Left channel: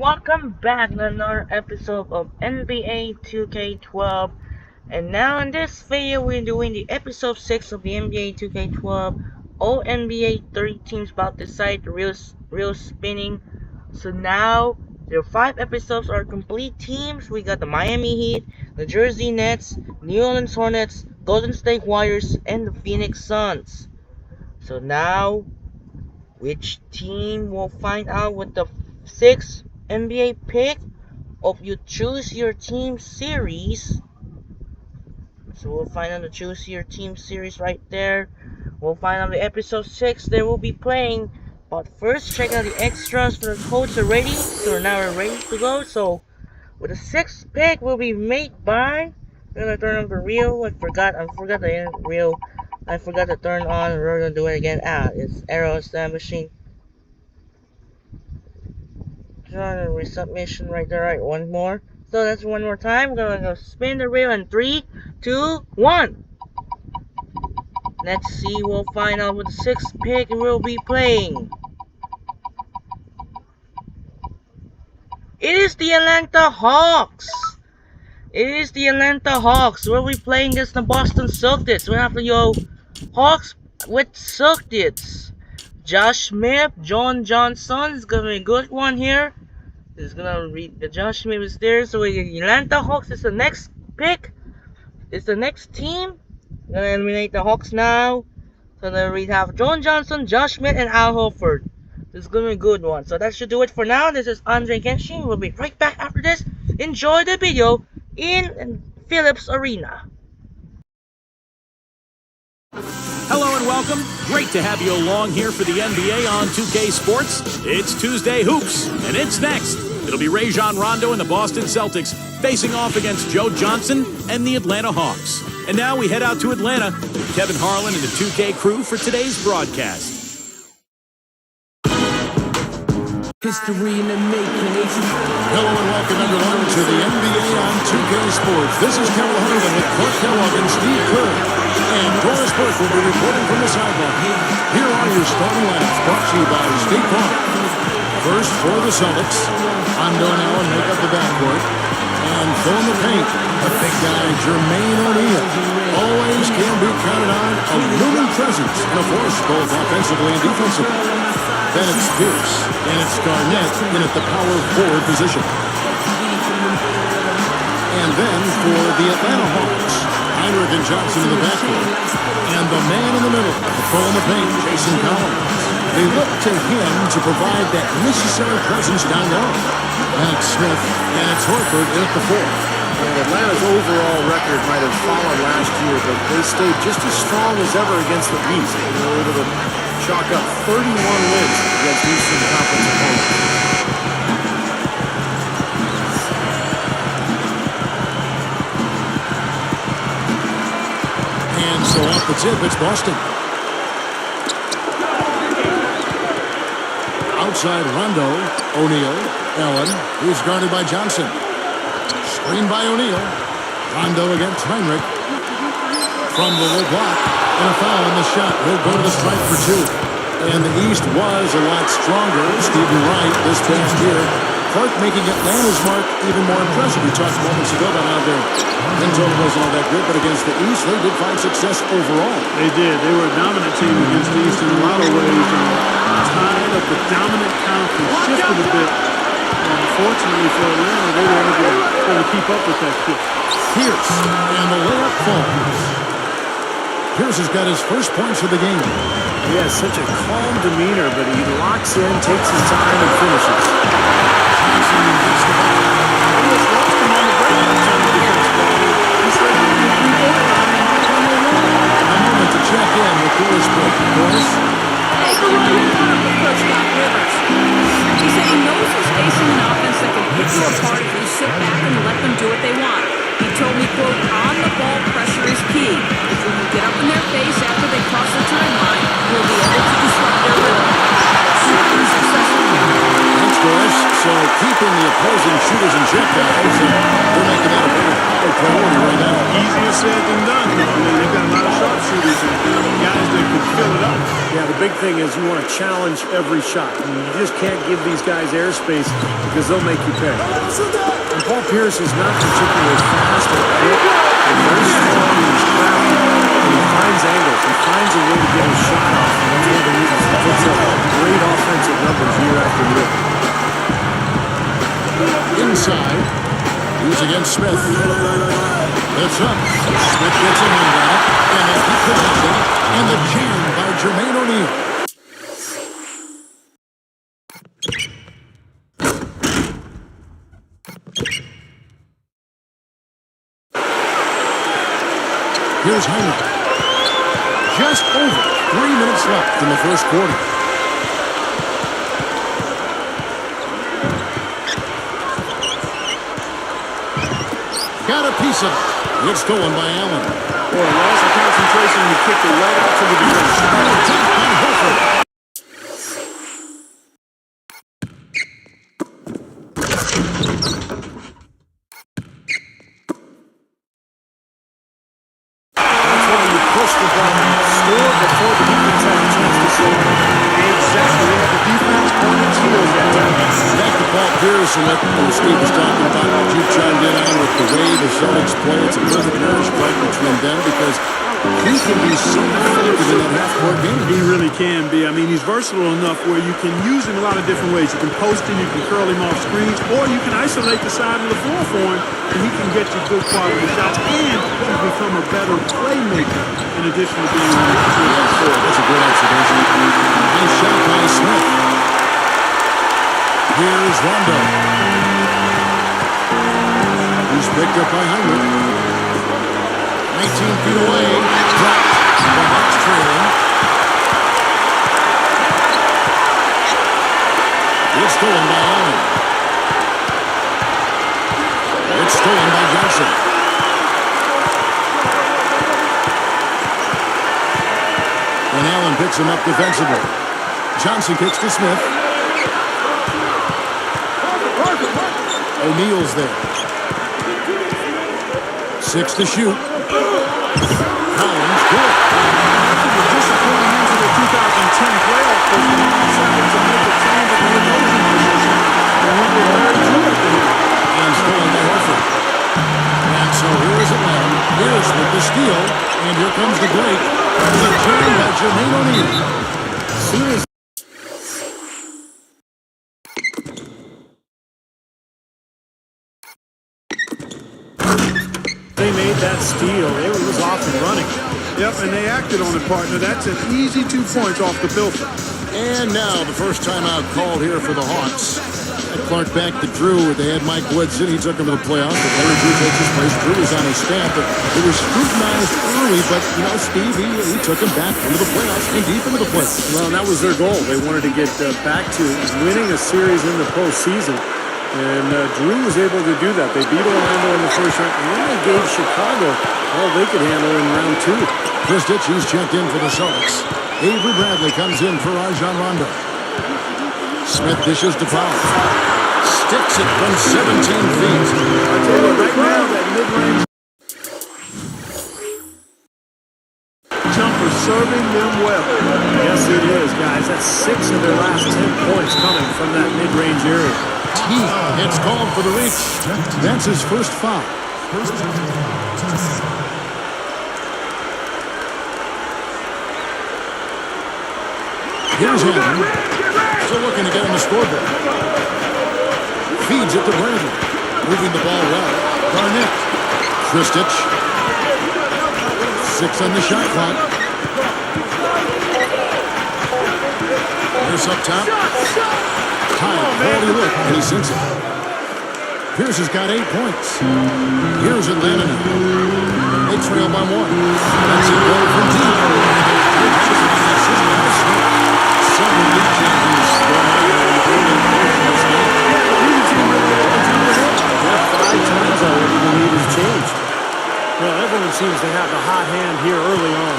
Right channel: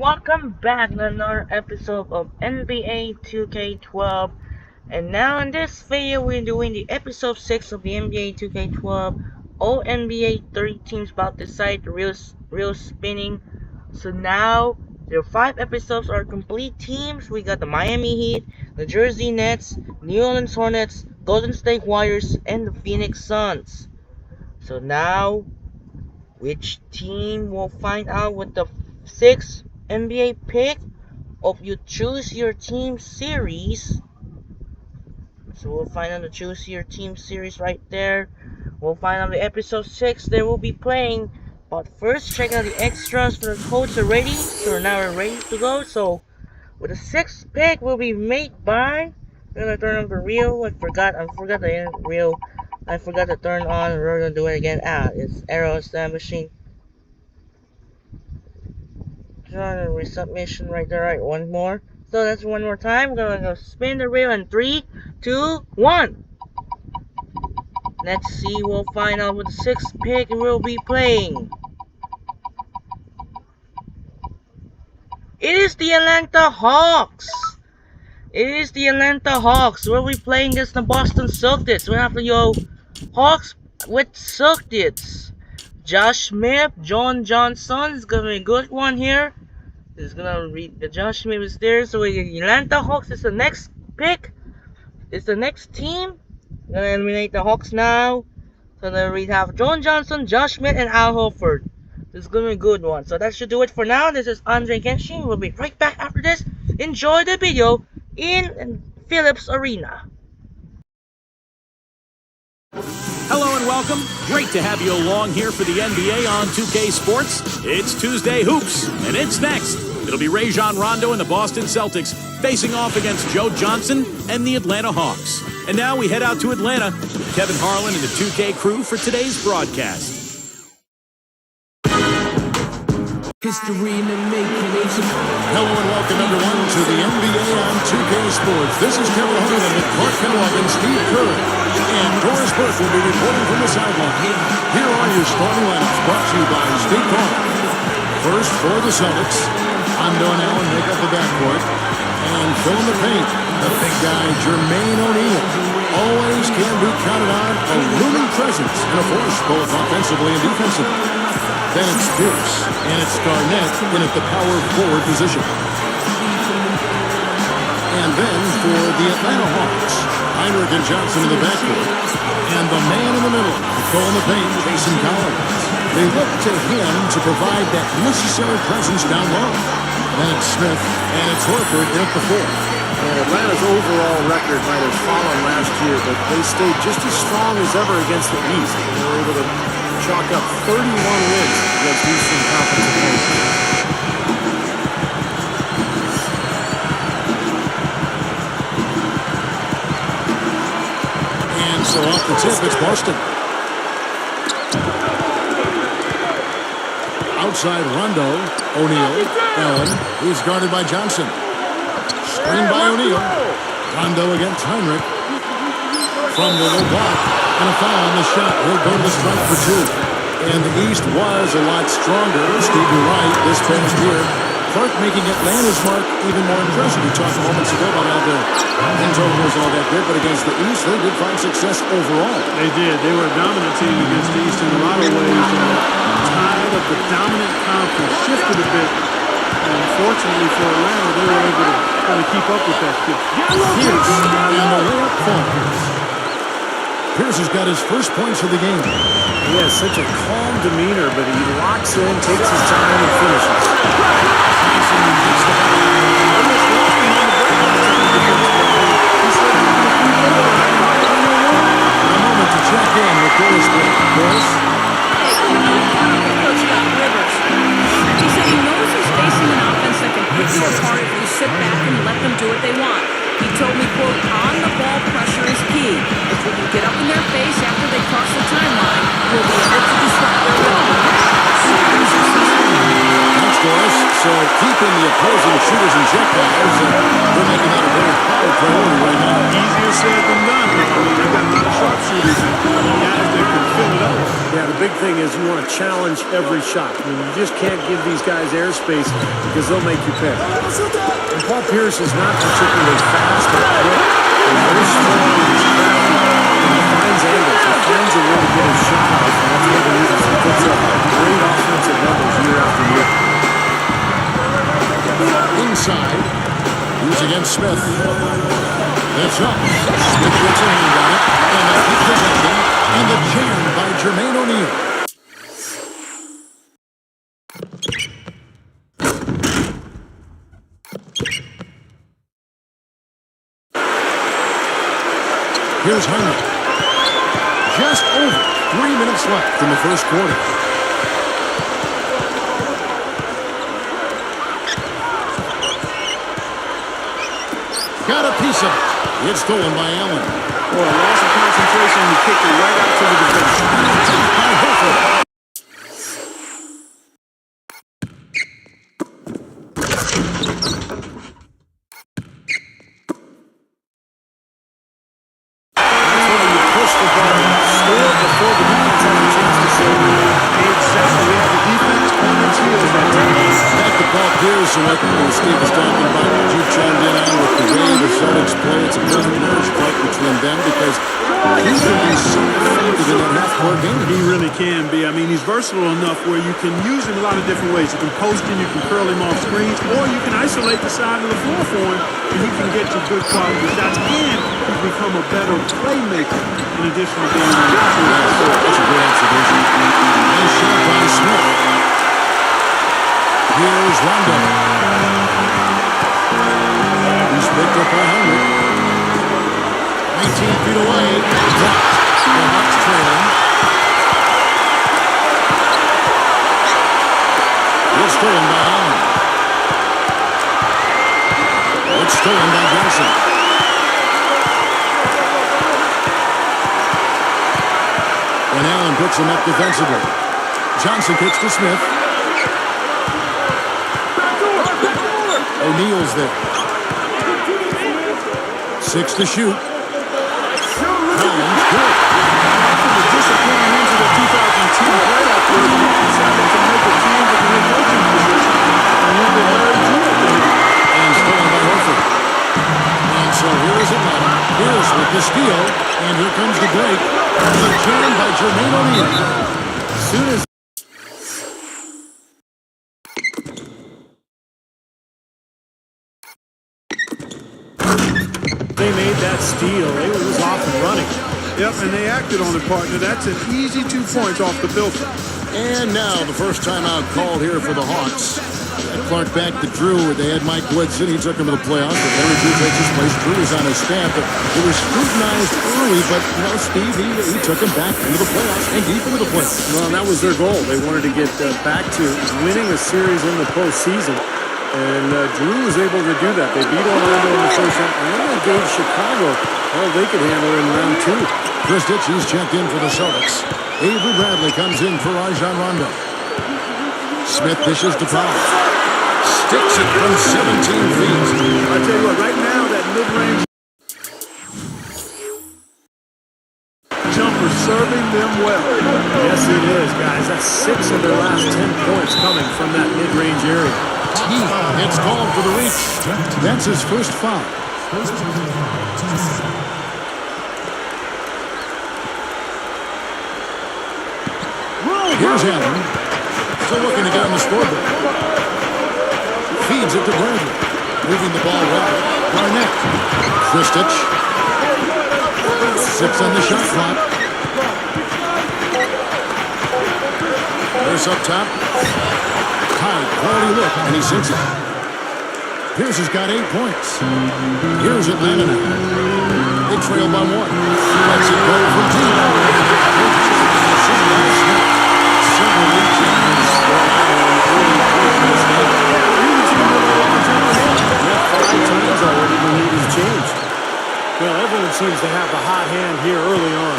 welcome back to another episode of NBA 2K12. And now in this video we're doing the episode 6 of the NBA 2K12. All NBA 30 teams about to decide the real spinning. So now the 5 episodes are complete teams. We got the Miami Heat, the Jersey Nets, New Orleans Hornets, Golden State Warriors, and the Phoenix Suns. So now which team will find out with the 6th NBA pick of You Choose Your Team series. So we'll find out the Choose Your Team series right there. We'll find out the episode 6 they will be playing. But first, check out the extras for the codes already. So now we're ready to go. So with the 6th pick will be made by. I'm gonna turn on the reel. I forgot the reel. I forgot to turn on. We're gonna do it again. It's Arrow Slam Machine. Resubmission right there. Right, one more. So that's one more time. We're gonna go spin the reel in 3, 2, 1. Let's see. We'll find out what the 6th pick will be playing. It is the Atlanta Hawks. We'll be playing against the Boston Celtics. We have the Hawks with Celtics. Josh Smith, John Johnson is gonna be a good one here. Is gonna read the Josh Smith is there. So the Atlanta Hawks is the next pick. It's the next team. Gonna eliminate the Hawks now. So then we have John Johnson, Josh Smith, and Al Horford. This is gonna be a good one. So that should do it for now. This is Andre Genshin. We'll be right back after this. Enjoy the video in Phillips Arena. Hello and welcome. Great to have you along here for the NBA on 2K Sports. It's Tuesday Hoops, and it's next. It'll be Rajon Rondo and the Boston Celtics facing off against Joe Johnson and the Atlanta Hawks. And now we head out to Atlanta with Kevin Harlan and the 2K crew for today's broadcast. History in the making. Hello and welcome everyone to the NBA on 2K Sports. This is Kevin Harlan with Clark Kellogg and Steve Kerr. And Doris Burke will be reporting from the sideline. Here are your starting lineups brought to you by State Farm. First for the Celtics, Rondo and Allen make up the backcourt. And fill in the paint, the big guy, Jermaine O'Neal. Always can be counted on, a looming presence and a force both offensively and defensively. Then it's Pierce, and it's Garnett in at the power forward position. And then for the Atlanta Hawks, Heinrich and Johnson in the backcourt. And the man in the middle, patrolling the paint, Jason Collins. They look to him to provide that necessary presence down low. Then it's Smith, and it's Horford in at the 4. And Atlanta's overall record might have fallen last year, but they stayed just as strong as ever against the East. They were able to chalk up 31 wins against Eastern Conference opponents. And so off the tip, it's Boston. Outside Rondo, O'Neal, Allen. He's guarded by Johnson. Screen by O'Neal. Rondo against Heinrich. From the low block. And a foul on the shot. He'll go to the strike for 2. And the East was a lot stronger. Steve, you're right, this past year. Clark making Atlanta's mark even more impressive. We talked moments ago about how their win total wasn't all that good, but against the East, they did find success overall. They did. They were a dominant team against the East in a lot of ways. The tide of the dominant conference shifted a bit. And fortunately for Atlanta, they were able to kind of keep up with that shift. Pierce, and the layup falls. Pierce has got his first points of the game. He has such a calm demeanor, but he locks in, takes his time, and finishes. Johnson gets the ball. Almost lost him on the break that time defensively. He slid out on the three-point line and might win their run. A moment to check in with Doris Burke. Doris? Hey, Kevin, I caught up with Coach Doc Rivers. He said he knows he's facing an offense that can pick you apart if you sit back and let them do what they want. He told me, quote, on-the-ball pressure is key. If we can get up in their face after they cross the timeline, we'll be able to disrupt their rhythm. Let's see if they're successful here. Thanks, Doris. So keeping the opposing shooters in check, guys. They're making that a very high priority right now. Easier said than done, though. I mean, they've got a lot of sharpshooters and guys that can fill it up Yeah, the big thing is you want to challenge every shot. I mean, you just can't give these guys airspace because they'll make you pay. And Paul Pierce is not particularly fast or quick. He's very strong and he's crafty. And he finds angles. He finds a way to get his shot off. And that's one of the reasons he puts up great offensive numbers year after year. Inside. He's against Smith. Lifts up. Smith gets a hand on it. And they keep possession. And the jam by Jermaine O'Neal. Here's Heinrich. Just over 3 minutes left in the first quarter. Got a piece of it. It's stolen by Allen. Boy, loss of concentration, and he kicked it right out to the defense. Taken by Horford. That's why you push the ball and score before the defense has a chance to score. Exactly. They had the defense on its heels that time. Back to Paul Pierce and what Steve was talking about, what you chimed in on with the way the Celtics play. It's a perfect marriage part between them because he can be so effective in that half-court game. He really can be. I mean, he's versatile enough where you can use him a lot of different ways. You can post him, you can curl him off screens, or you can isolate the side of the floor for him, and he can get you good quality shots. And he's become a better playmaker in addition to being one of the two. Yes, that's a great observation. Nice shot by Smith. Here's Rondo. He's picked up by Heinrich. 19 feet away. Dropped. The Hawks trailing. It's stolen by Allen. It's stolen by Johnson. And Allen picks him up defensively. Johnson kicks to Smith. O'Neal's there. 6 to shoot. Collins, good. After the disappointing end to the 2010 playoff push, the Hawks decided to make a change at the head coaching position and went with Larry Drew at the head. And stolen by Horford. And so here is Atlanta. Here's with the steal. And here comes the break. The jam by Jermaine O'Neal. As soon as they made that steal, it was off and running. Yep, and they acted on it, partner. That's an easy 2 points off the filter. And now the first timeout called here for the Hawks. Clark back to Drew. They had Mike Woodson. He took him to the playoffs. But Larry Drew takes his place. Drew was on his staff. But it was scrutinized early. But, you know, Steve, he took him back into the playoffs and deep into the playoffs. Well, that was their goal. They wanted to get back to winning a series in the postseason. And Drew was able to do that. They beat Orlando in the first round. And then they gave Chicago all they could handle in round 2. Kristich, he's checked in for the Celtics. Avery Bradley comes in for Rajon Rondo. Smith dishes to Powell. Sticks it from 17 feet. I tell you what, right now, that mid-range jumper serving them well. Yes, it is, guys. That's 6 of their last 10 points coming from that mid-range area. It's called for the reach. That's his first foul. First personal foul, 2 seconds. Here's Allen. Still looking to get on the scoreboard. Feeds it to Bradley. Moving the ball well. Garnett. Kristich. 6 on the shot clock. Pierce up top. High quality look, and he sinks it. Pierce has got 8 points. Here's Atlanta now. They trail by 1. Lets it go from deep. Several lead changes going on in the early portion of this game. Yeah, but neither team really able to jump ahead. Yeah, 5 times already the lead has changed. Well, everyone seems to have the hot hand here early on.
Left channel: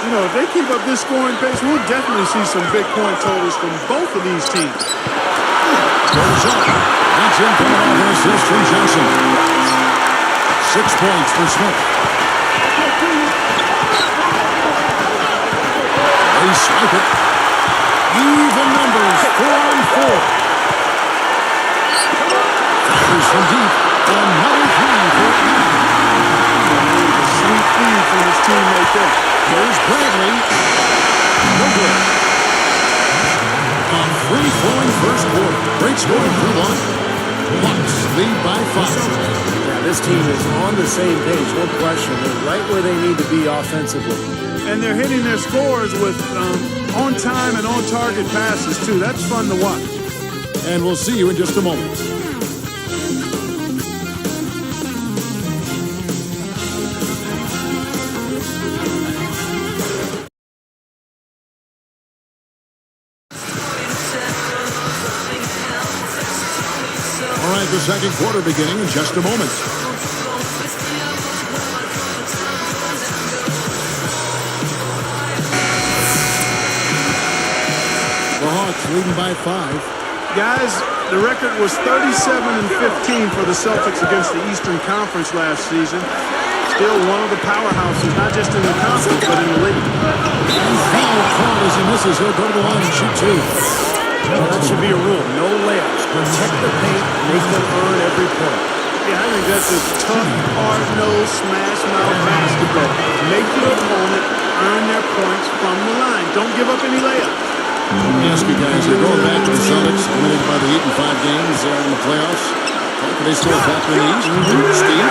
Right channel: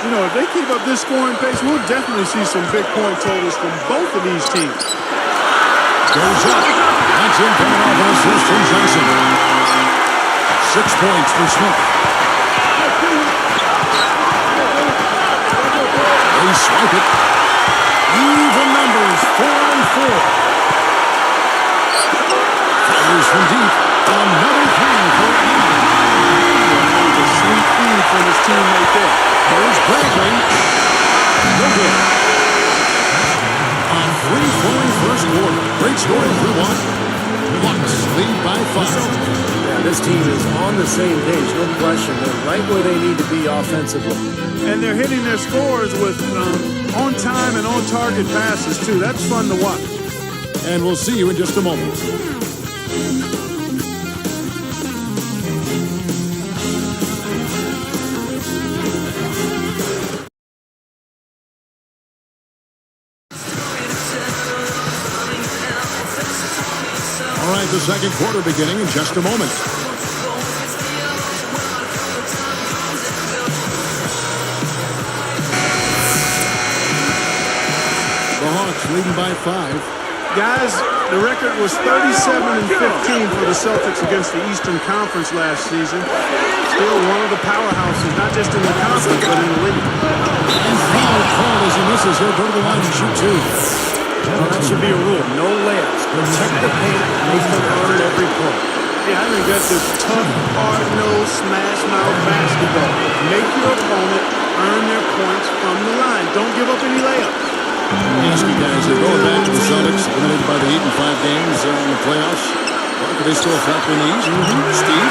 You know, if they keep up this scoring pace, we'll definitely see some big point totals from both of these teams. Goes up. That's in coming off an assist from Johnson. 6 points for Smith. They They swipe it. Even numbers, 4-on-4. Fires from deep. Another three for Lee. That was a sweet feed from his teammate there. Here's Bradley. No good. A free-flowing first quarter. Great scoring through one. Bucks lead by 5. Yeah, this team is on the same page, no question. They're right where they need to be offensively. And they're hitting their scores with on-time and on-target passes, too. That's fun to watch. And we'll see you in just a moment. All right, the second quarter beginning in just a moment. The Hawks leading by 5. Guys, the record was 37-15 for the Celtics against the Eastern Conference last season. Still one of the powerhouses, not just in the conference, but in the league. And foul called as he misses. He'll go to the line and shoot 2. Well, that should be a rule. No layups. Protect the paint. Make them earn every point. Yeah, I think that's just tough, hard-nosed, smash-mouth basketball. Make your opponent earn their points from the line. Don't give up any layups. Let me ask you guys, they're going back to the Celtics, eliminated by the 8-5 games in the playoffs. Clark, are they still a factor in the East? Steve?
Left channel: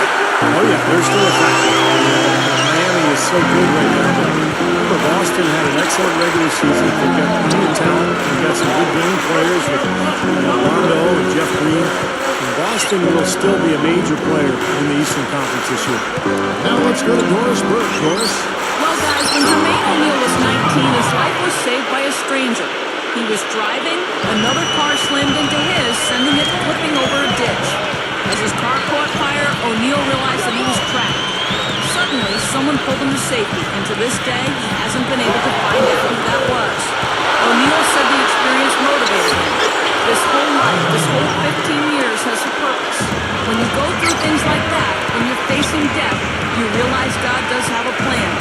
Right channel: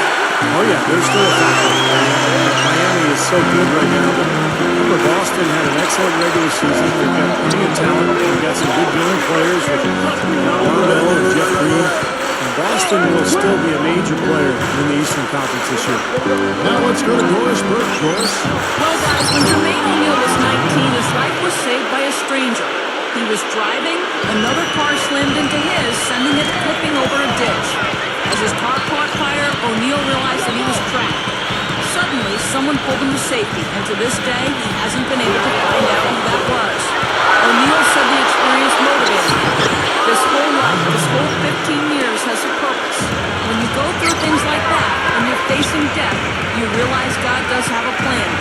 Oh, yeah, they're still a factor. Miami is so good right now, but remember, Boston had an excellent regular season. They've got plenty of talent. They've got some good young players with Rondo and Jeff Green. And Boston will still be a major player in the Eastern Conference this year. Now let's go to Doris Burke. Doris? Well, guys, when Jermaine O'Neal was 19, his life was saved by a stranger. He was driving, another car slammed into his, sending it flipping over a ditch. As his car caught fire, O'Neal realized that he was trapped. Suddenly, someone pulled him to safety, and to this day, he hasn't been able to find out who that was. O'Neal said the experience motivated him. This whole life, this whole 15 years has a purpose. When you go through things like that, when you're facing death, you realize God does have a plan.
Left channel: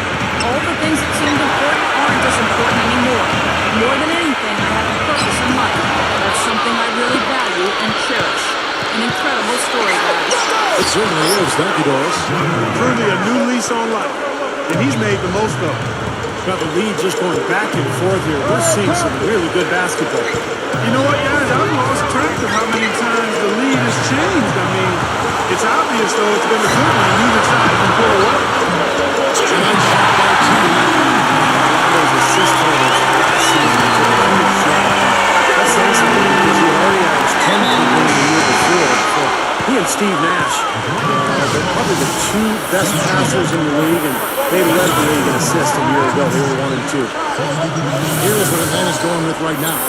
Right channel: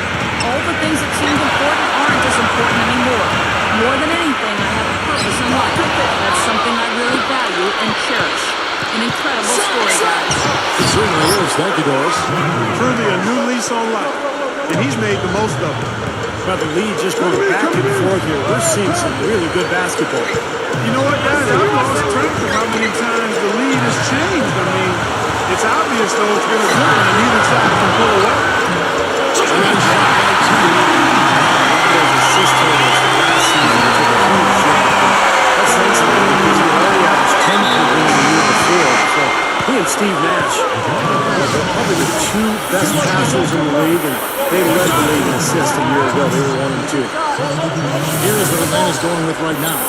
All the things that seemed important aren't as important anymore. More than anything, I have a purpose in life. That's something I really value and cherish. An incredible story, guys. It certainly is. Thank you, Doris. Truly a new lease on life, and he's made the most of it. But the lead just going back and forth here. We're seeing some really good basketball. You know what, guys? I've lost track of how many times the lead has changed. I mean, it's obvious, though, it's been a good one, and neither side can pull away. A nice shot by T. Those assist totals last season took a huge drop. That's saying something because he already averaged 10 per game the year before. So he and Steve Nash are probably the two best passers in the league, and they led the league in assists a year ago. They were 1 and 2. Here's what Atlanta's going with right now.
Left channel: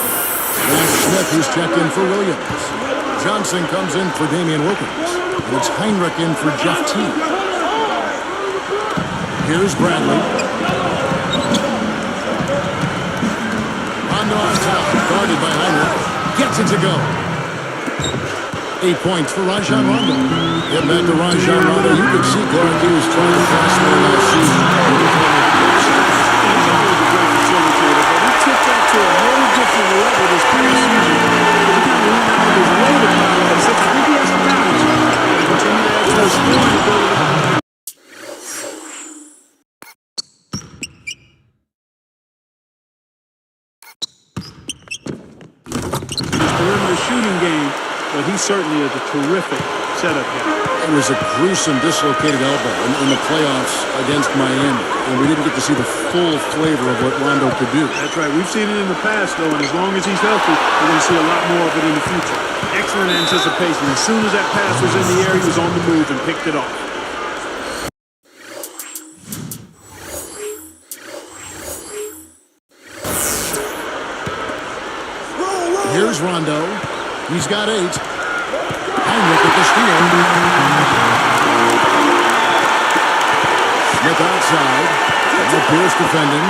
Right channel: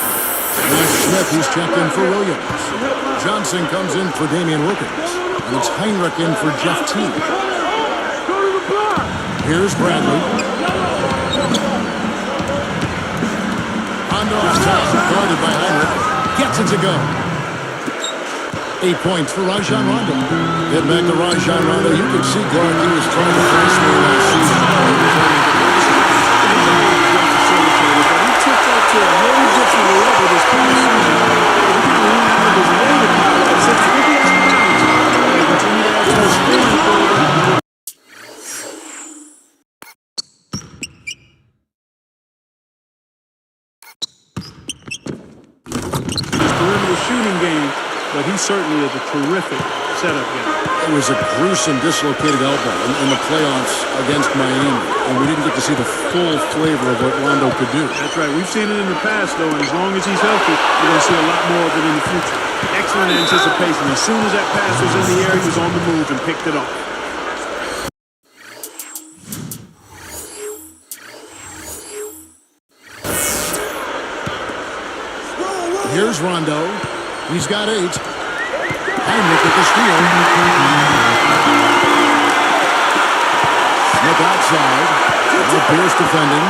Nash Smith, he's checked in for Williams. Johnson comes in for Damian Wilkins. And it's Heinrich in for Jeff Teague. Here's Bradley. Rondo on top, guarded by Heinrich. Gets it to go. 8 points for Rajon Rondo. Get back to Rajon Rondo. You can see Clark, he was trying to pass more last season. He's always a great facilitator, but he took that to a whole different level this past season. He kind of went out of his way to pile up. I think he has to balance it. And continue to add to his scoring ability. Perimeter shooting game, but he certainly is a terrific setup guy. It was a gruesome dislocated elbow in the playoffs against Miami, and we didn't get to see the full flavor of what Rondo could do. That's right. We've seen it in the past, though, and as long as he's healthy, we're going to see a lot more of it in the future. Excellent anticipation. As soon as that pass was in the air, he was on the move and picked it off. Here's Rondo. He's got 8. Heinrich with the steal. Smith outside. Pierce defending.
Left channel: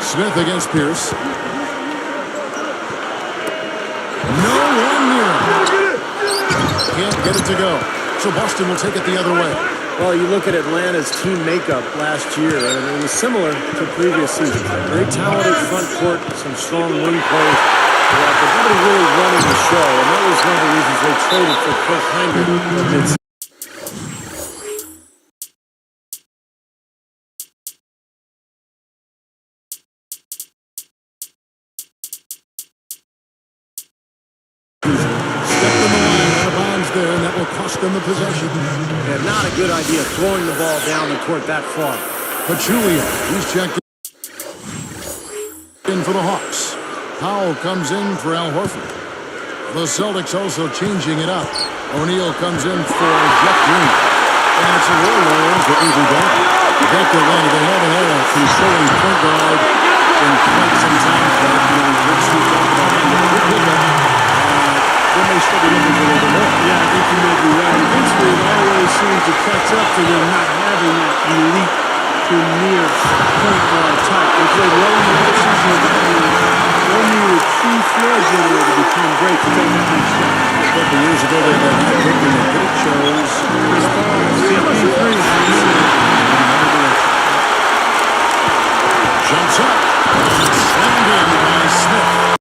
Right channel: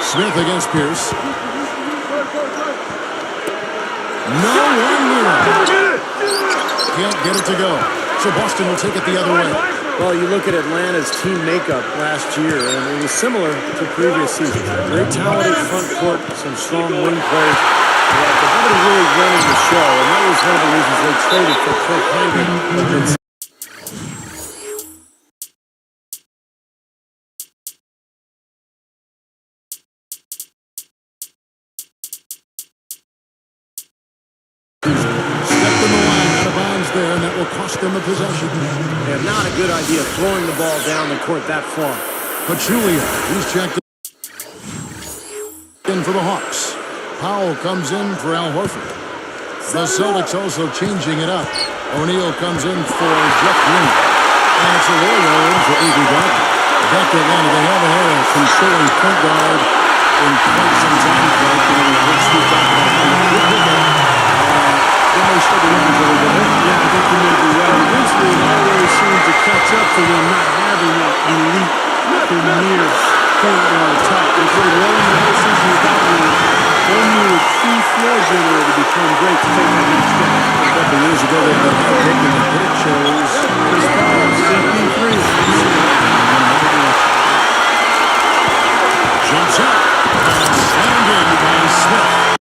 Smith against Pierce. No one near him. Can't get it to go. So Boston will take it the other way. Well, you look at Atlanta's team makeup last year, and it was similar to previous seasons. Very talented front court, some strong wing plays, but nobody really running the show, and that was one of the reasons they traded for Kirk Hinrich at midseason. Stepped in the line, out of bounds there, and that will cost them the possession. And not a good idea throwing the ball down the court that far. Pachulia, he's checked in for the Hawks. Powell comes in for Al Horford. The Celtics also changing it up. O'Neal comes in for Jeff Green. And it's a roll in for Avery Bradley. Back to Atlanta, they haven't had a controlling point guard in quite some time. But, we've heard Steve talk about that. Good pickup. They may still be looking for a little bit more. Yeah, I think you may be right. Eventually, it always seems to catch up to them not having that elite, premier point guard type. They played well in the postseason without one. They need a true floor generator to become great to take that next step. A couple years ago, they had that high pick, and they chose Chris Paul, CP3, another direction. Jumps up and slammed in by Smith.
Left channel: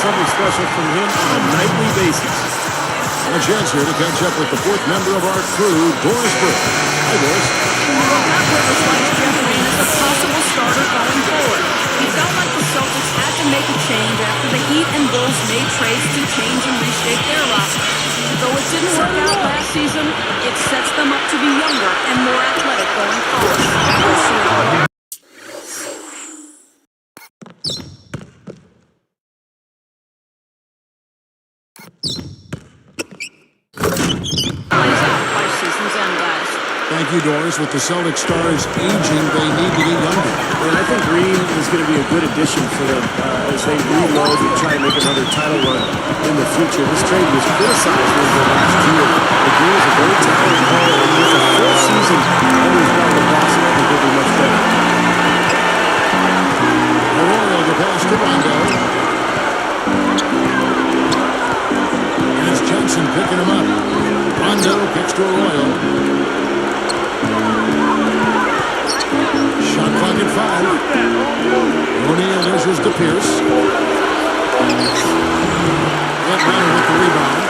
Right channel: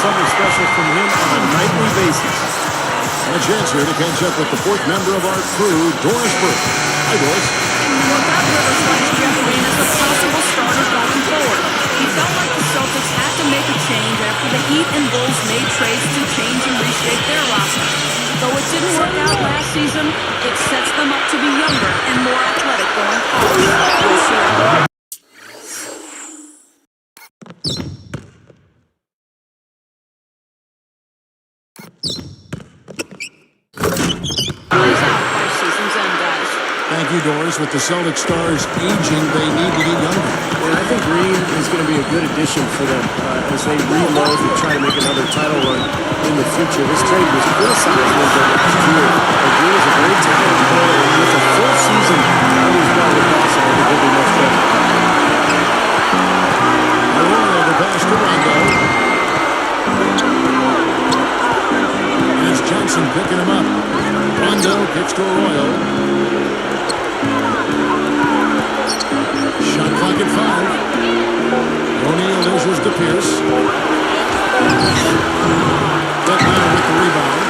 Something special from him on a nightly basis. And a chance here to catch up with the fourth member of our crew, Doris Burke. Hi, Doris. Well, Doc Rivers likes Jeff Green as a possible starter going forward. He felt like the Celtics had to make a change after the Heat and Bulls made trades to change and reshape their roster. Though it didn't work out last season, it sets them up to be younger and more athletic going forward. We'll see how plays out by season's end, guys. Thank you, Doris. With the Celtic stars aging, they need to get younger. And I think Green is going to be a good addition for them as they reload to try to make another title run in the future. This trade was criticized a little bit last year, but Green is a very talented player, and with a full season under his belt with Boston, I think he'll be much better. Arroyo, the pass to Rondo. And it's Johnson picking him up. Rondo kicks to Arroyo. Shot clock at 5. O'Neal dishes to Pierce. Atlanta with the rebound.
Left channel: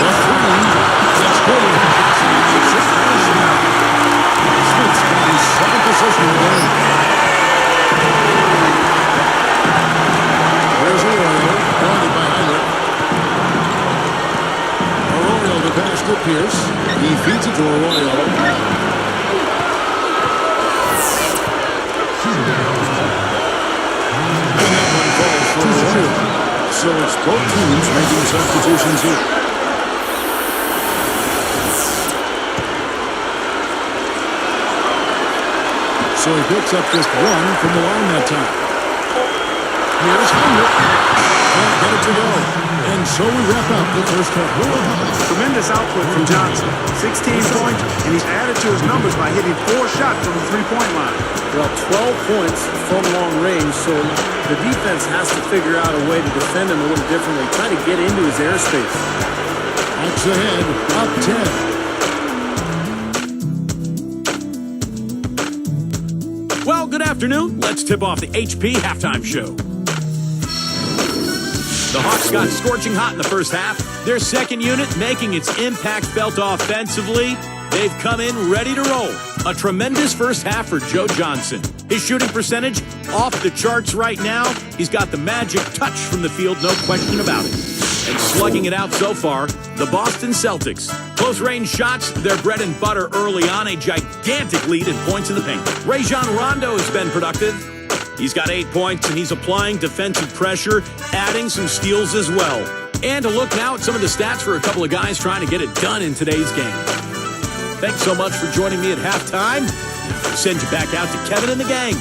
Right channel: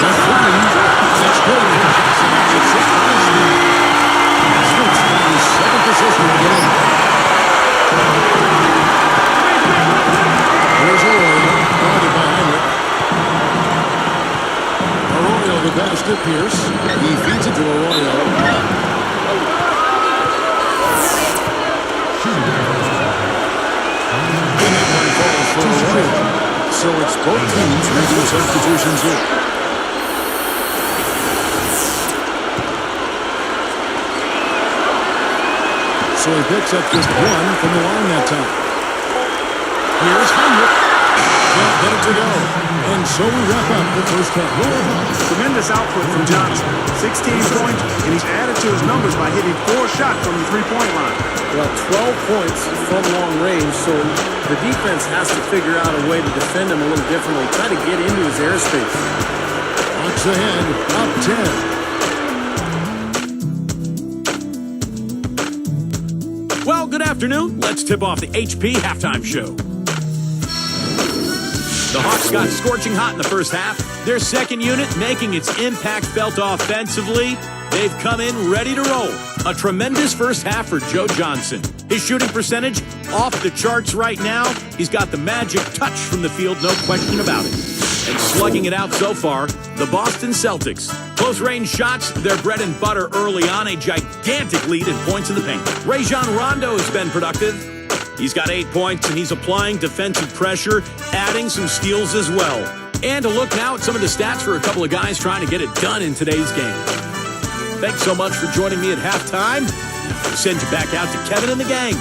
The three. That's good. Johnson on the assist by Smith. Smith's got his 7th assist in the game. There's Arroyo, guarded by Hinrich. Arroyo the pass to Pierce. He feeds it to Arroyo. And that one falls for Arroyo. So it's both teams making substitutions here. So he picks up just one from the line that time. Here's Hinrich. Can't get it to go. And so we wrap up the first half. Tremendous output from Johnson. 16 points, and he's added to his numbers by hitting 4 shots from the three-point line. Well, 12 points from long range, so the defense has to figure out a way to defend him a little differently, try to get into his airspace. Hawks ahead, up 10. Well, good afternoon. Let's tip off the HP halftime show. The Hawks got scorching hot in the first half. Their second unit making its impact felt offensively. They've come in ready to roll. A tremendous first half for Joe Johnson. His shooting percentage off the charts right now. He's got the magic touch from the field, no question about it. And slugging it out so far, the Boston Celtics. Close-range shots, their bread and butter early on, a gigantic lead in points in the paint. Rajon Rondo has been productive. He's got 8 points, and he's applying defensive pressure, adding some steals as well. And a look now at some of the stats for a couple of guys trying to get it done in today's game. Thanks so much for joining me at halftime. I'll send you back out to Kevin and the gang.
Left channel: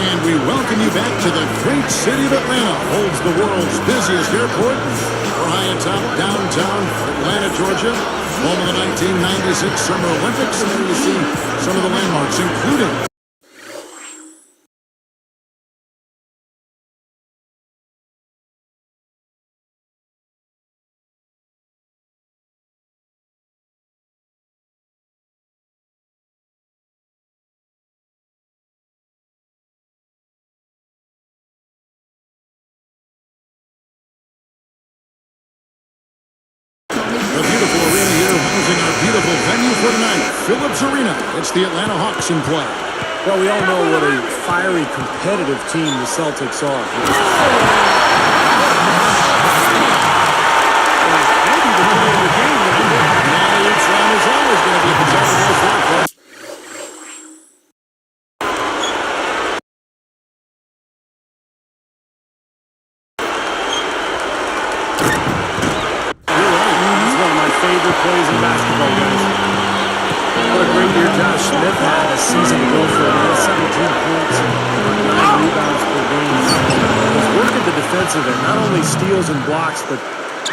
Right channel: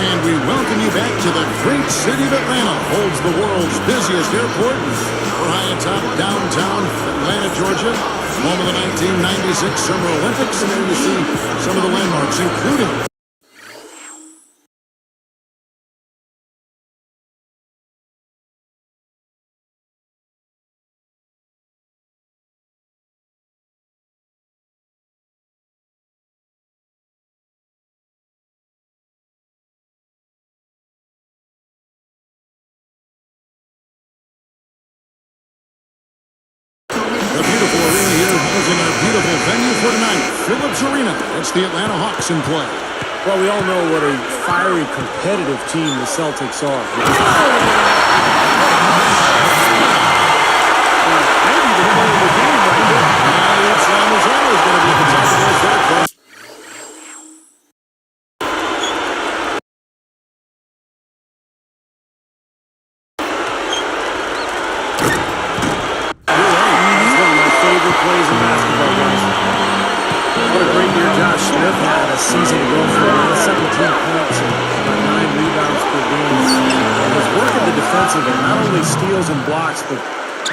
And we welcome you back to the great city of Atlanta. Holds the world's busiest airport. We're high atop downtown Atlanta, Georgia, home of the 1996 Summer Olympics. And there you see some of the landmarks, including the beautiful arena here, housing our beautiful venue for tonight, Phillips Arena. It's the Atlanta Hawks in play. Well, we all know what a fiery, competitive team the Celtics are. Well, maybe the play of the game right there. Now, each line is always going to be at the top of the list there, Clark. Favorite plays in basketball, guys. What a great year Josh Smith had a season ago for him. 17 points and about 9 rebounds per game. His work at the defensive end, not only steals and blocks, but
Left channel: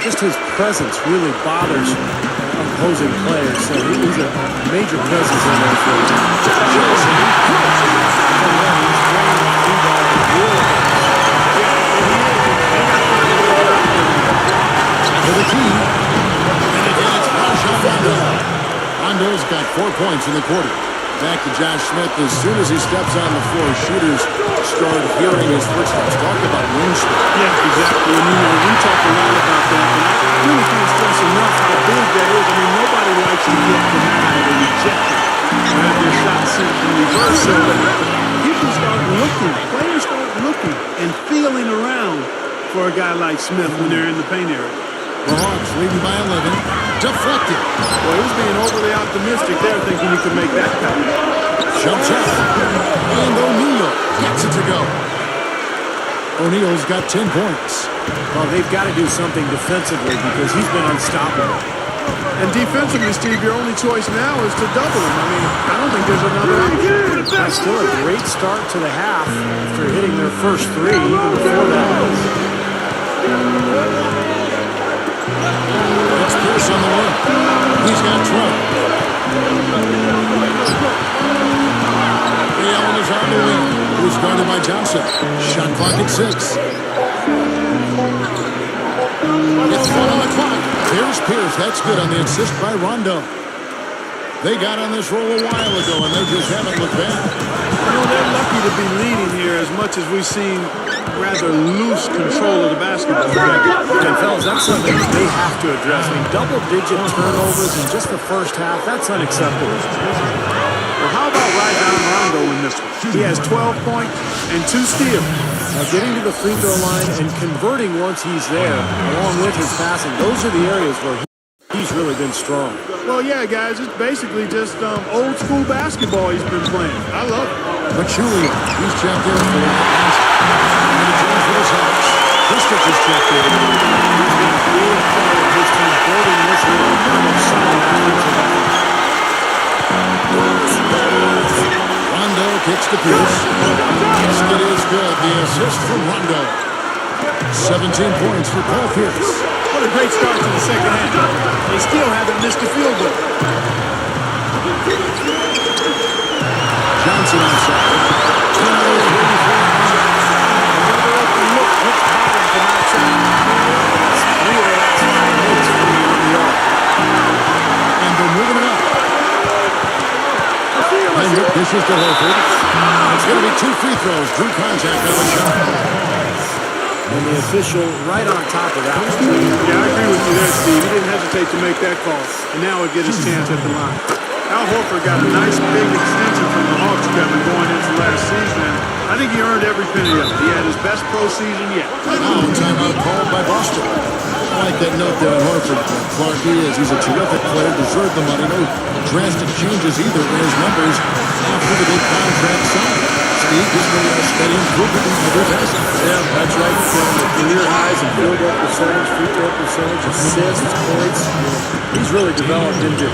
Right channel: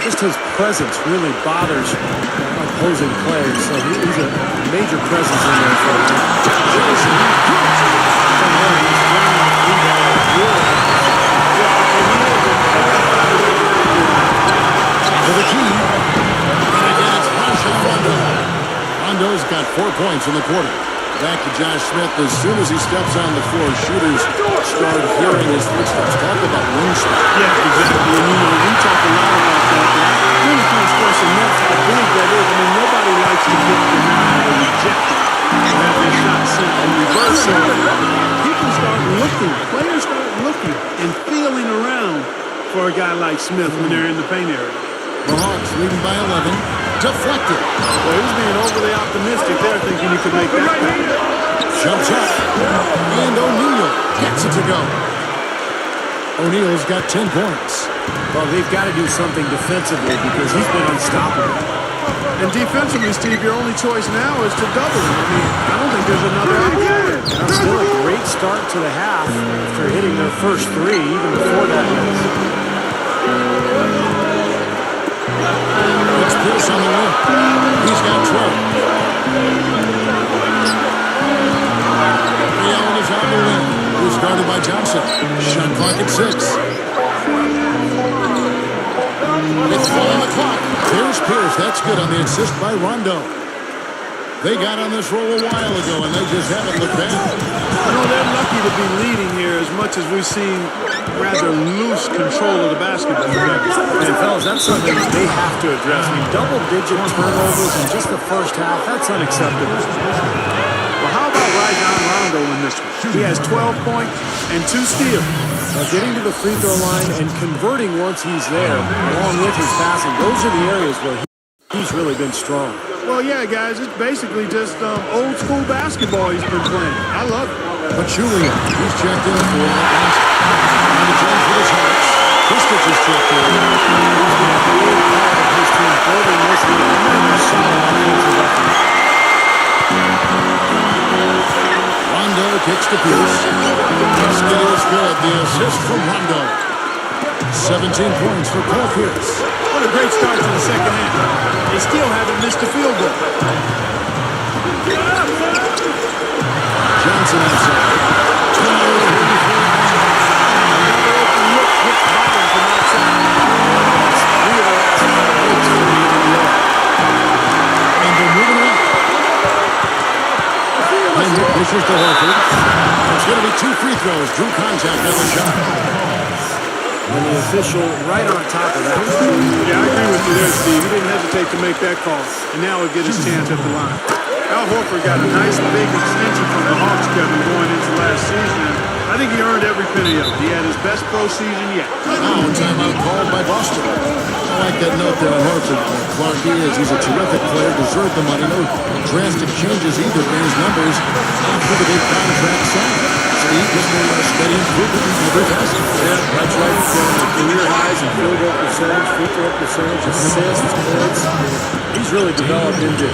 just his presence really bothers opposing players. So he's a major presence in there for him. Johnson. He's bringing the free ball real guys. Yeah, and he is. They got to find a way to get out there. To the key. And again, it's Rajon Rondo. Rondo's got 4 points in the quarter. Back to Josh Smith. As soon as he steps on the floor, shooters start hearing his footsteps. Talk about wingspan. Yeah, exactly. And, you know, we talk a lot about that, but I really can't stress enough how big that is. I mean, nobody likes to get denied or rejected or have their shot sent in reverse. So people start looking, players start looking and feeling around for a guy like Smith when they're in the paint area. The Hawks leading by 11. Deflected. Well, he was being overly optimistic there, thinking he could make that pass. Jumps up. And O'Neal gets it to go. O'Neal's got 10 points. Well, they've got to do something defensively because he's been unstoppable. And defensively, Steve, your only choice now is to double him. I mean, I don't think there's another option. That's still a great start to the half after hitting their first 3, even before that. It's Pierce on the wing. He's got 12. Ray Allen is on the wing. He's guarded by Johnson. Shot clock at 6. With 1 on the clock. There's Pierce. That's good on the assist by Rondo. They got on this roll a while ago, and they just haven't looked bad. You know, they're lucky to be leading here as much as we've seen rather loose control of the basketball. And fellas, that's something they have to address. I mean, double-digit turnovers in just the first half, that's unacceptable. Well, how about Rajon Rondo in this one? He has 12 points and 2 steals. Now, getting to the free throw line and converting once he's there, along with his passing, those are the areas where he's really been strong. Well, yeah, guys, it's basically just old school basketball he's been playing. I love it. Pachulia, he's checked in for Atlanta. And the Jones for the Celtics. Kristich is checked in. He's been a big part of his team building this lead. Another solid offensive effort. Rondo kicks to Pierce. Basket is good. The assist from Rondo. 17 points for Paul Pierce. What a great start to the second half. They still haven't missed a field goal. Johnson outside. Another open look hits bottom from outside. That's 3 of the last 5 hits from beyond the arc. And they're moving it up. Hendrick dishes to Horford. It's going to be 2 free throws. Drew contact on the shot. And the official right on top of that. Yeah, I agree with you there, Steve. He didn't hesitate to make that call, and now he'll get his chance at the line. Al Horford got a nice big extension from the Hawks, Kevin, going into last season, and I think he earned every penny of it. He had his best pro season yet. Now a timeout called by Boston. I like that note there on Horford. Clark, he's a terrific player, deserved the money. No drastic changes either in his numbers after the big contract signed. Steve, just a steady improvement in every facet. Yeah, that's right. Career highs in field goal percentage, free throw percentage, assists, points. He's really developed into a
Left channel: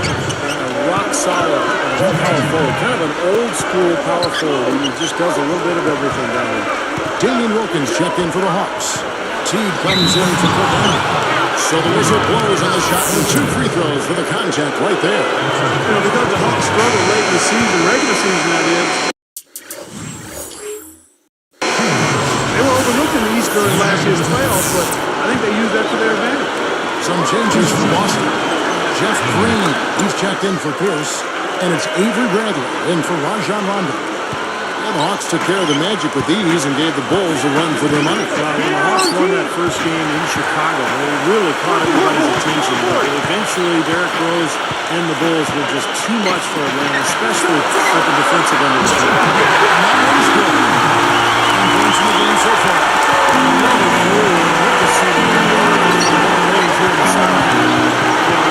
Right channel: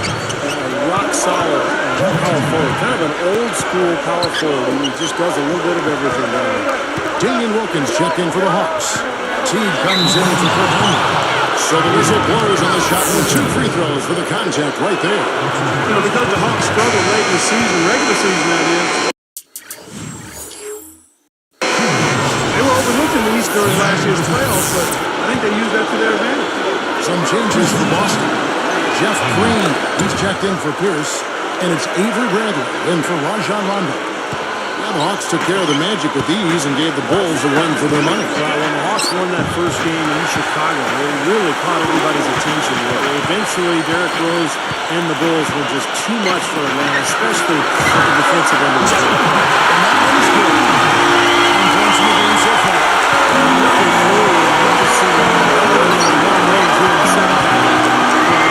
rock solid power forward. Kind of an old school power forward. He just does a little bit of everything down there. Damian Wilkins checked in for the Hawks. Teague comes in for Kurt Daniel. So the whistle blows on the shot with 2 free throws for the contact right there. You know, because the Hawks struggled late in the season, regular season that is, they were overlooked in the East during last year's playoffs, but I think they used that to their advantage. Some changes for Boston. Jeff Green, he's checked in for Pierce, and it's Avery Bradley in for Rajon Rondo. Yeah, the Hawks took care of the Magic with these and gave the Bulls a run for their money. Well, when the Hawks won that first game in Chicago, they really caught everybody's attention. Eventually, Derrick Rose and the Bulls were just too much for Atlanta, especially at the defensive end of the game. And that one's good. 10 points in the game so far. Another three, and we're just seeing a long range here in the second half.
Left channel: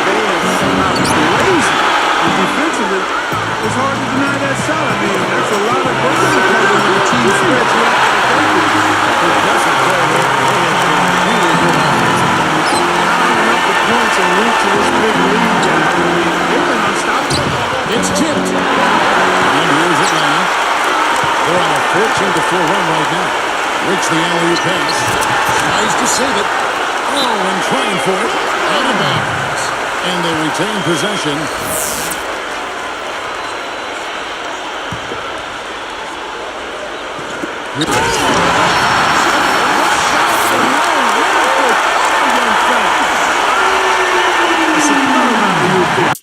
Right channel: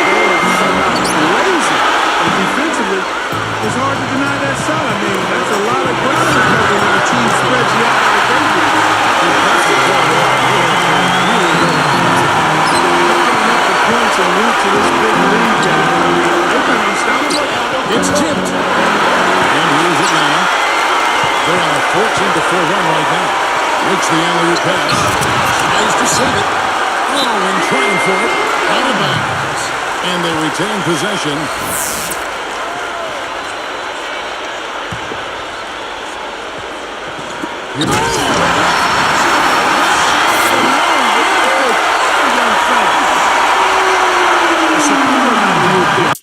They have somehow lazy. And defensively, it's hard to deny that shot. I mean, that's a lot of ground to cover when the team spreads you out like they do. Impressive play there. They have been really good offensively. Piling up the points and root to this big lead, guys. I mean, they've been unstoppable. It's tipped. And here's Atlanta. They're on a 14-4 run right now. Makes the alley-oop pass. Tries to save it. Oh, and trying for it. Out of bounds. And they retain possession. Watch out for no wonderful cover, young fella. A superb alley-oop there.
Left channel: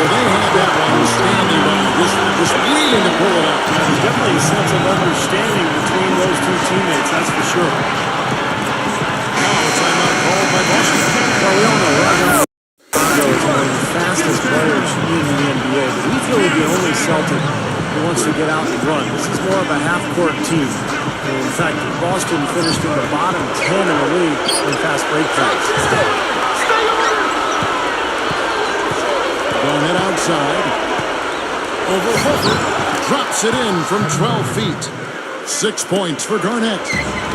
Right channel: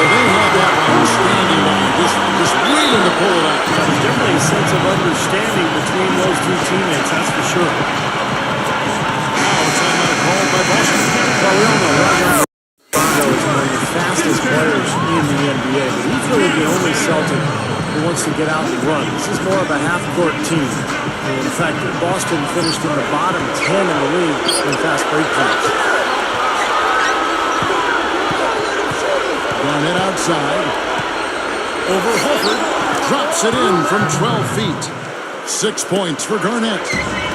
Well, they had that one standing by, just waiting to pull it out. Yeah, there's definitely a sense of understanding between those two teammates, that's for sure. Now a timeout called by Boston. Well, we all know Rajon Rondo is one of the fastest players in the NBA, but he's really the only Celtic who wants to get out and run. This is more of a half-court team. And in fact, Boston finished in the bottom 10 in the league in fast break times. Garnett outside. Over Horford. Drops it in from 12 feet. 6 points for Garnett.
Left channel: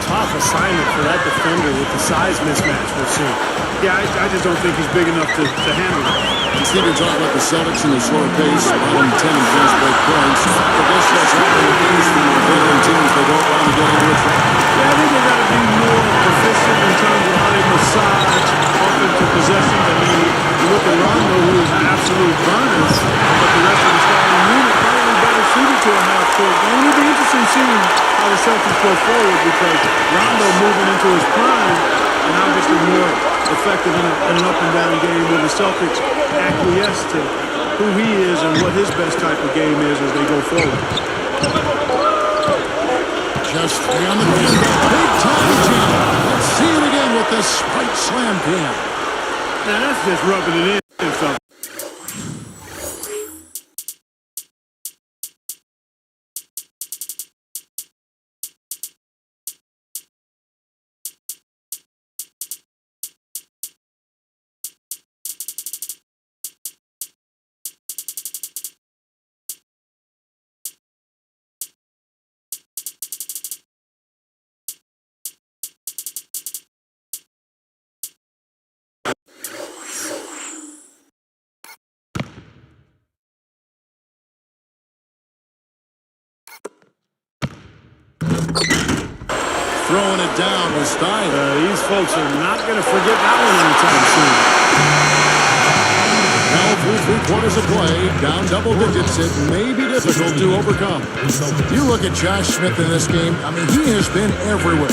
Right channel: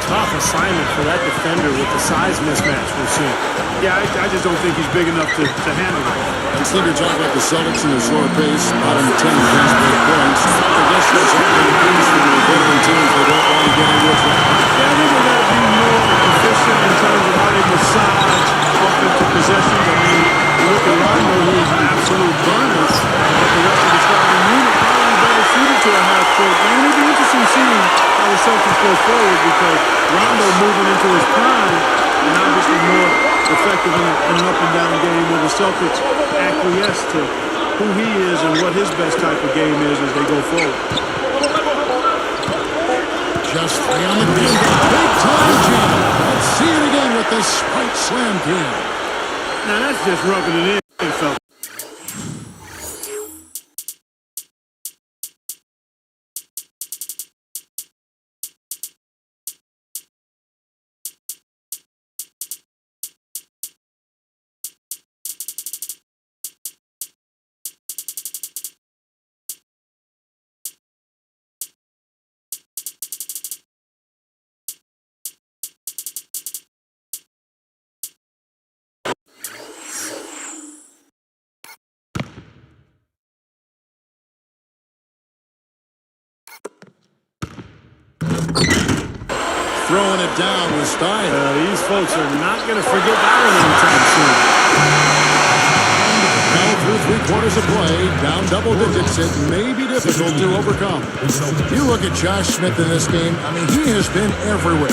Tough assignment for that defender with the size mismatch we're seeing. Yeah, I just don't think he's big enough to handle it. Steve, you're talking about the Celtics and their slower pace, bottom 10 in fast break points. I guess that's often the case for the veteran teams. They don't want to get into a trap. Yeah, I think they've got to be more efficient in terms of how they massage offensive possessions. I mean, you look at Rondo, who is an absolute burner, but the rest of the starting unit probably better suited to a half-court game. It'll be interesting seeing how the Celtics go forward because Rondo moving into his prime and obviously more effective in an up-and-down game where the Celtics acquiesce to who he is and what his best type of game is as they go forward. Just three on the ground. Big time jam. Let's see it again with the Sprite Slam Cam. Now that's just rubbing it in, fellas. Throwing it down with style. These folks are not going to forget that one anytime soon. Now through 3 quarters of play, down double digits, it may be difficult to overcome. You look at Josh Smith in this game, I mean, he has been everywhere.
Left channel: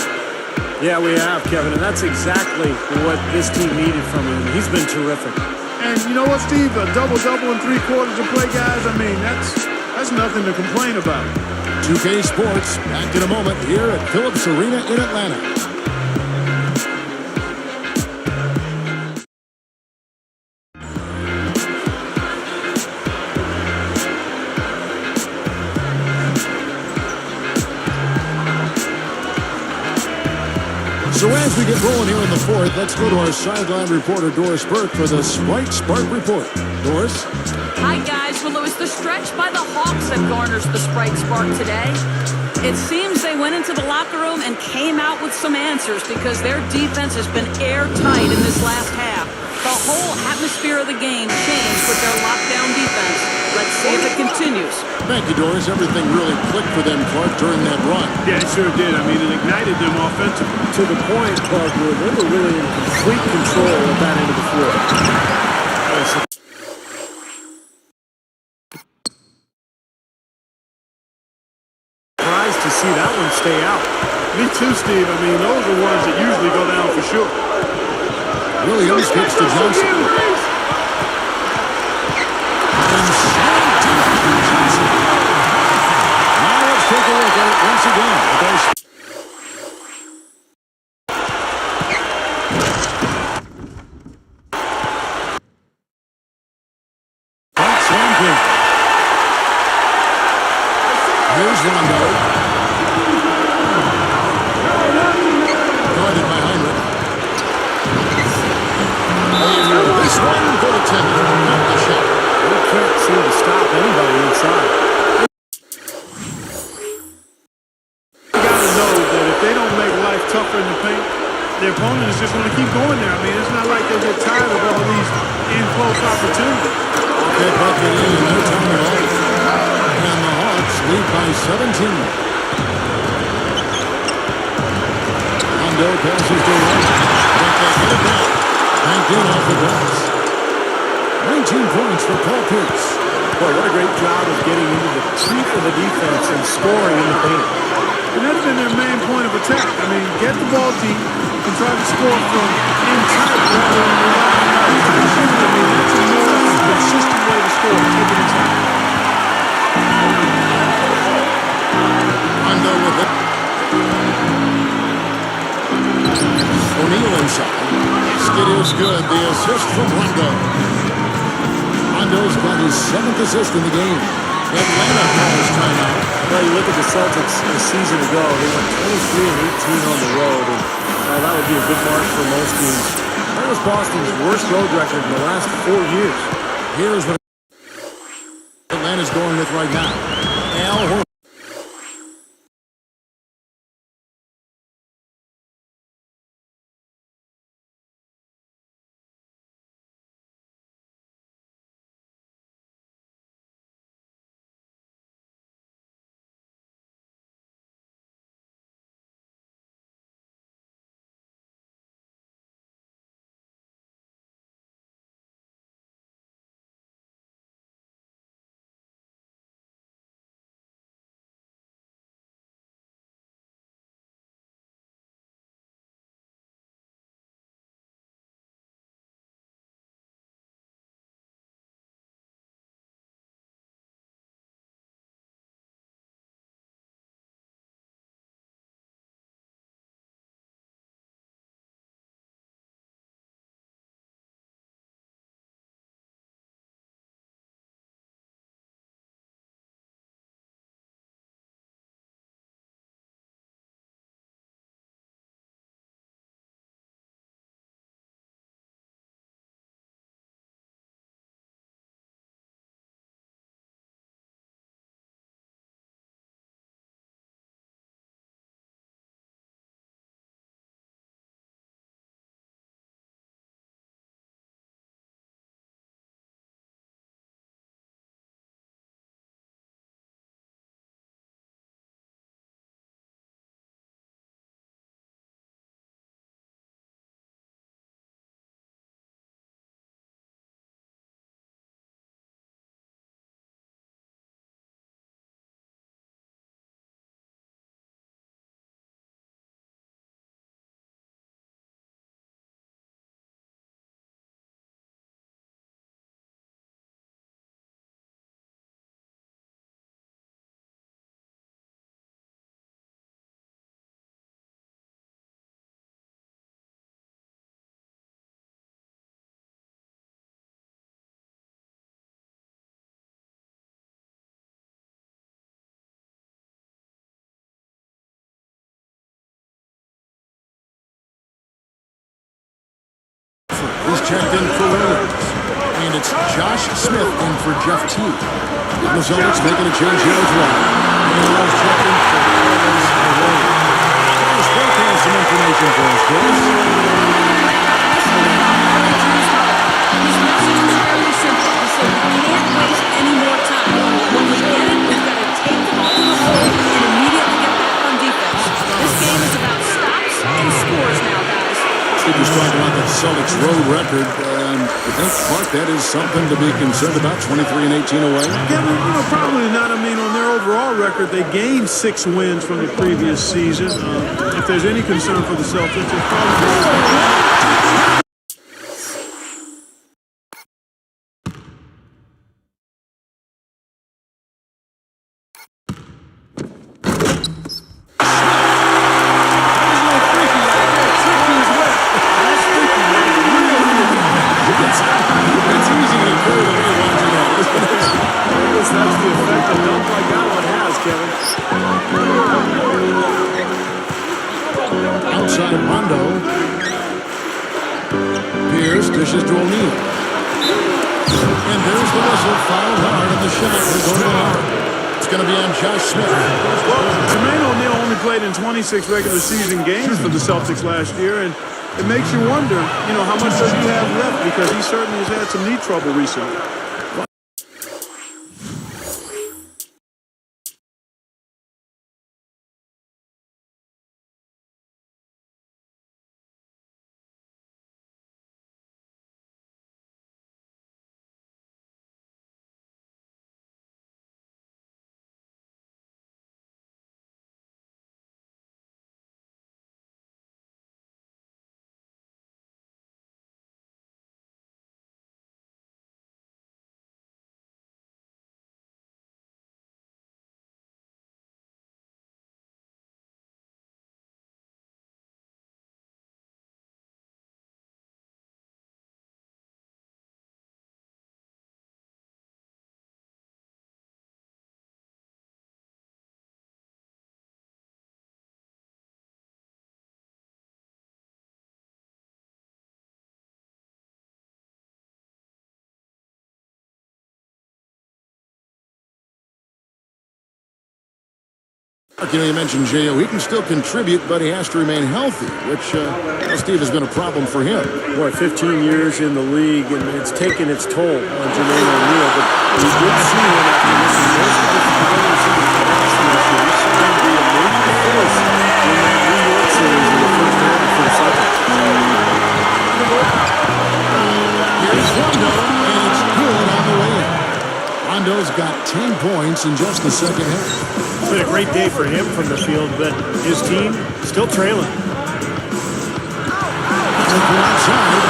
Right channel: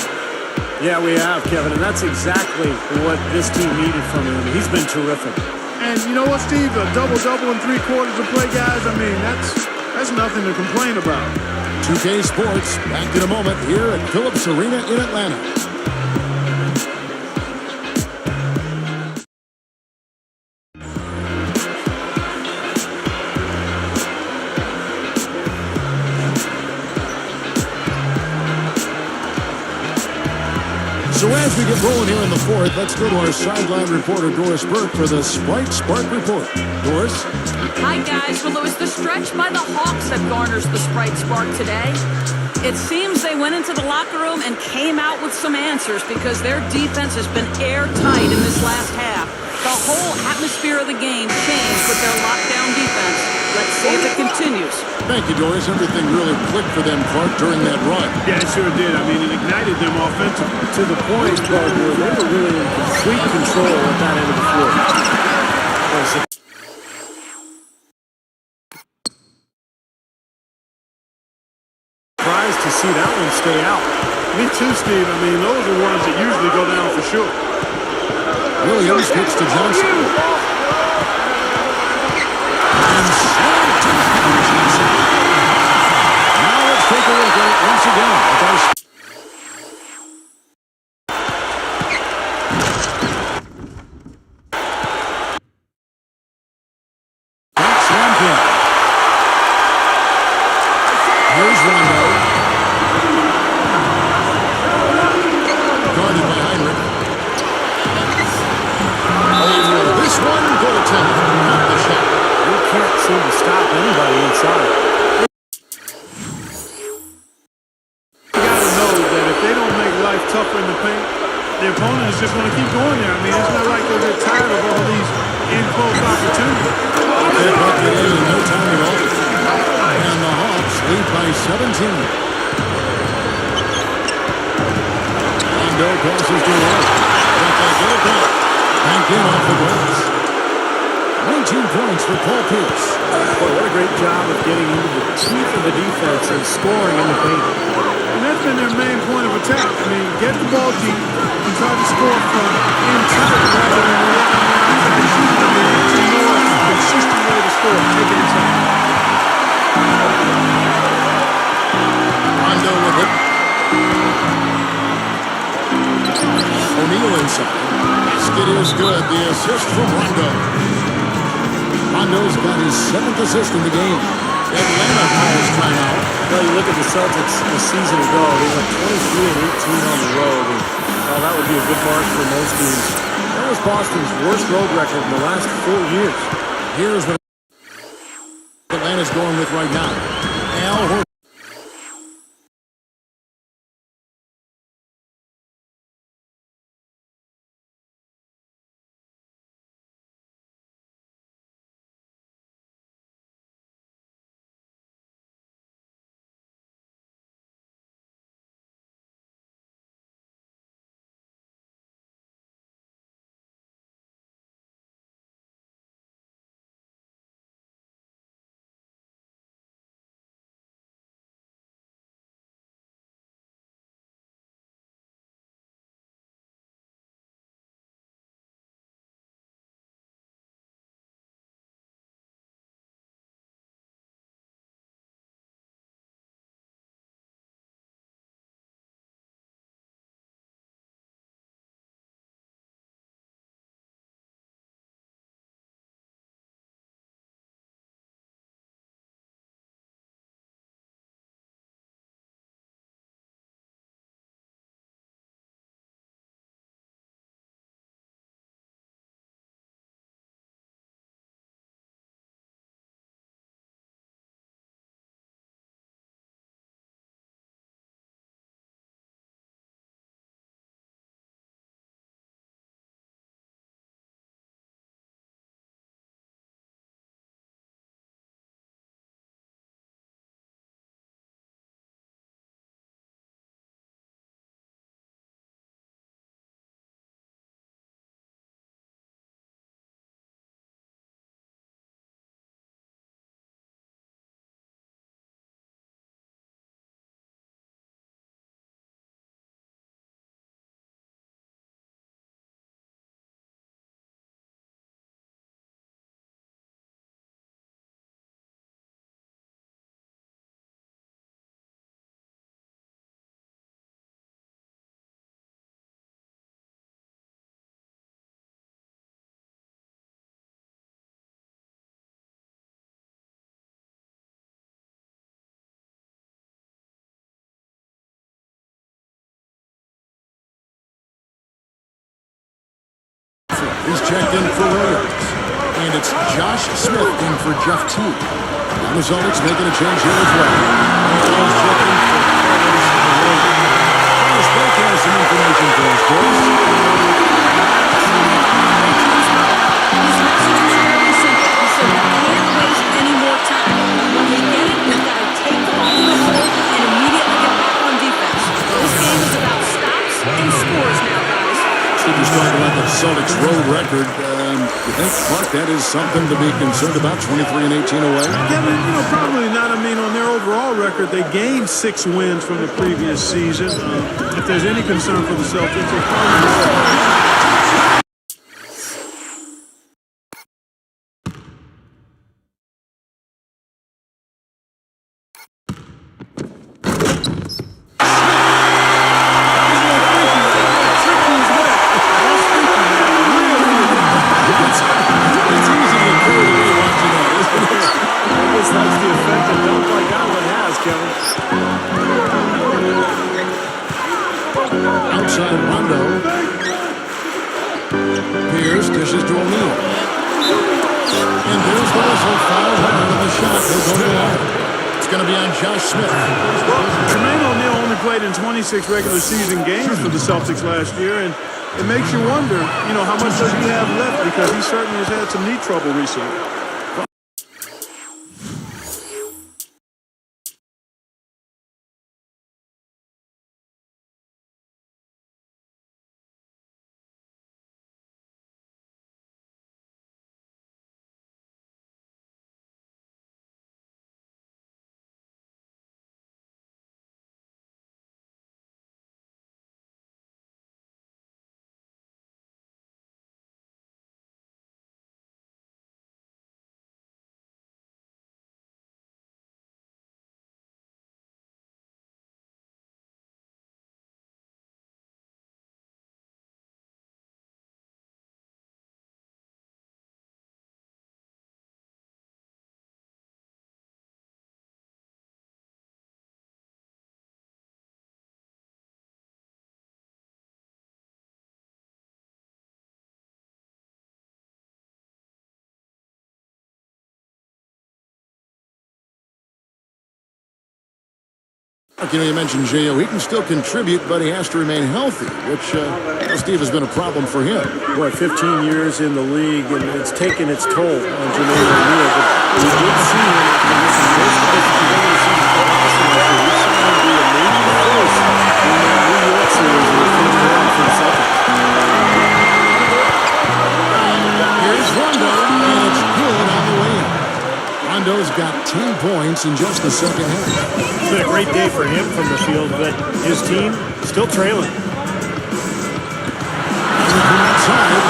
Yeah, we have, Kevin, and that's exactly what this team needed from him. He's been terrific. And you know what, Steve? A double-double in 3 quarters of play, guys, I mean, that's nothing to complain about. 2K Sports, back in a moment here at Phillips Arena in Atlanta. So as we get rolling here in the fourth, let's go to our sideline reporter, Doris Burke, for the Sprite Spark Report. Doris? Hi, guys. Well, it was the stretch by the Hawks that garners the Sprite Spark today. It seems they went into the locker room and came out with some answers because their defense has been airtight in this last half. The whole atmosphere of the game changed with their lockdown defense. Let's see if it continues. Thank you, Doris. Everything really clicked for them, Clark, during that run. Yeah, it sure did. I mean, it ignited them offensively. To the point, Clark, where they were really in complete control at that end of the floor. Boy, surprised to see that one stay out. Me too, Steve. I mean, those are ones that usually go down for sure. Williams kicks to Johnson. And slammed to Johnson. Now let's take a look at it once again with our... Slam kick. Here's Rondo. Guarded by Heinrich. This one, goaltender. Not the shot. He can't seem to stop anybody inside. You got to know that if they don't make life tougher in the paint, the opponent is just going to keep going there. I mean, it's not like they'll get tired of all these in-close opportunities. That bucket in no time at all. And the Hawks lead by 17. Rondo passes to Roy, but they get it back. Banked in off the glass. 19 points for Paul Pierce. Boy, what a great job of getting into the teeth of the defense and scoring in the paint. And that's been their main point of attack. I mean, get the ball deep and try to score from in tight rather than rely on the outside shooting. I mean, that's a more consistent way to score. Take it inside. Rondo with it. O'Neal inside. Skid is good. The assist from Rondo. Rondo's got his 7th assist in the game. Atlanta calls timeout. Well, you look at the Celtics a season ago, they went 23-18 on the road, and well, that would be a good mark for most teams. That was Boston's worst road record in the last 4 years. Here's what Atlanta's going with right now. Al Horford. Horford. He's checked in for Williams. And it's Josh Smith in for Jeff Teague. And the Celtics making a change here as well. And he's checked in for Carlos Arroyo. Doris Burke has some information for us, Doris. His message was fairly simple. He said, we can't waste any more time. When we get it, we've got to take the ball to the hole and immediately get back on defense. This game is about stops and scores now, guys. Steve was talking about the Celtics road record. You think, Clark, that is something to be concerned about, 23-18 away? Kevin, probably not. I mean, on their overall record, they gained 6 wins from the previous season. If there's any concern for the Celtics, it's probably... That's the effect a dunk like that one has, Kevin. Outside Rondo. Pierce dishes to O'Neal. And there's the whistle. Foul hard on the shot. He'll go to the line. It's going to be on Josh Smith. Well, Jermaine O'Neal only played in 26 regular season games for the Celtics last year, and it makes you wonder, how much does he have left, because he certainly has had some knee trouble recently. You mentioned J.O. He can still contribute, but he has to remain healthy, which, Steve, has been a problem for him. Boy, 15 years in the league, and it's taken its toll on Jermaine O'Neal. But we did see him after missing most of his regular season for Boston last year. We saw him be a major force in that New York series in the first round for the Celtics. Here's Rondo, and it's good on the way in. Rondo's got 10 points in just the second half. It's been a great day for him from the field, but his team still trailing. From outside. He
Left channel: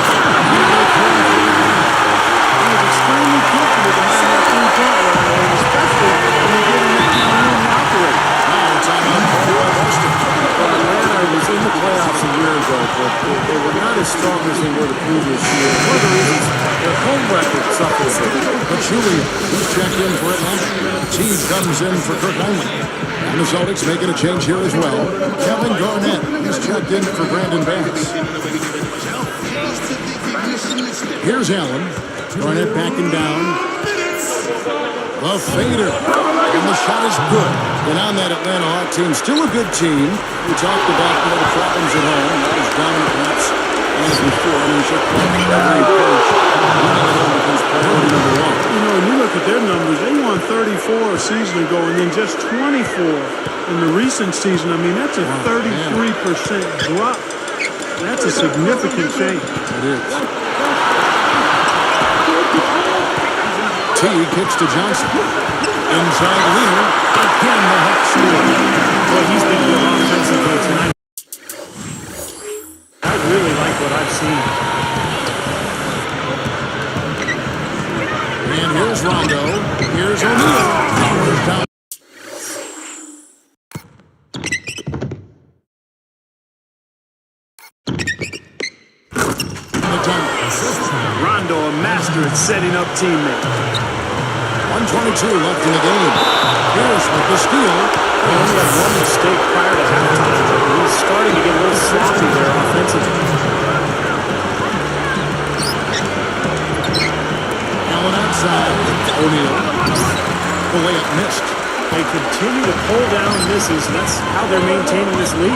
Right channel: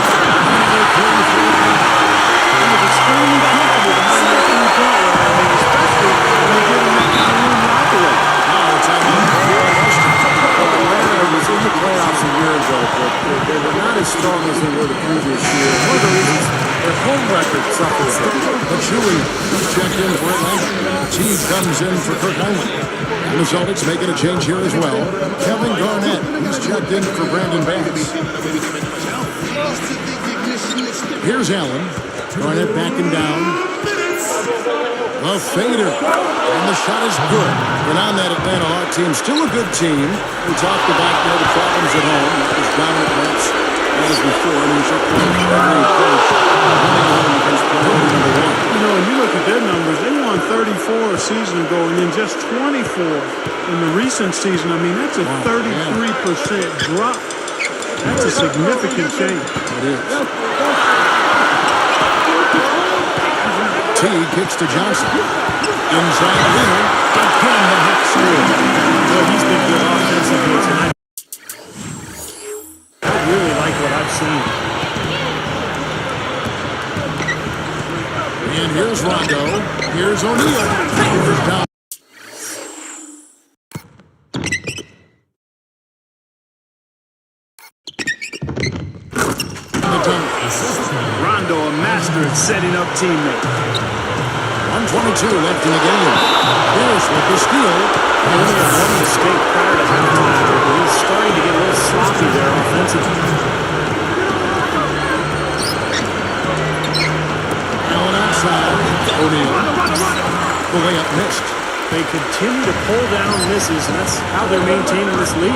was extremely comfortable behind that three-point line, especially when you get in that kind of room to operate. Now it's on call by Boston. Well, Atlanta was in the playoffs a year ago, but they were not as strong as they were the previous year. One of the reasons their home record suffered a bit. But Julian, he's checked in for Atlanta. Teague comes in for Kirk Hinley. And the Celtics making a change here as well. Kevin Garnett, he's checked in for Brandon Bass. Here's Allen. Garnett backing down. The fader. And the shot is good. And on that Atlanta Hawk team, still a good team. We talked about the problems at home. Not as dominant perhaps as before. I mean, you should point every coach winning at home becomes priority number one. When you look at their numbers, they won 34 a season ago and then just 24 in the recent season. I mean, that's a 33% drop. That's a significant change. It is. T kicks to Johnson. Inside Leonard. Again, the Hawks score. Boy, he's been good offensively tonight. I really like what I've seen. And here's Rondo. Here's O'Neal. Powers down. Rondo, a master at setting up teammates. 1:22 left in the game. Pierce with the steal. He only had one mistake prior to halftime, but he's starting to get a little sloppy there offensively. Allen outside. O'Neal. The layup missed. They continue to pull down misses, and that's how they're maintaining this lead.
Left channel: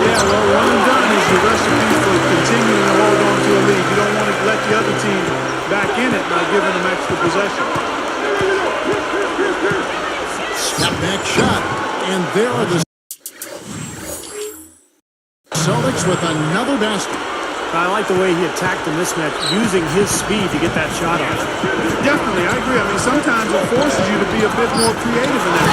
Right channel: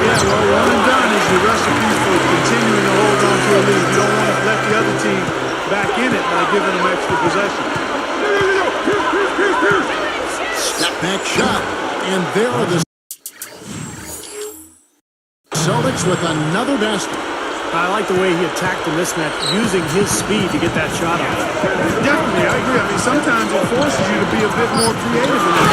Yeah, well, one and done is the recipe for continuing to hold on to a lead. You don't want to let the other team back in it by giving them extra possession. Step back shot. And there are the Celtics with another basket. I like the way he attacked the mismatch, using his speed to get that shot off. Definitely, I agree. I mean, sometimes it forces you to be a bit more creative in that.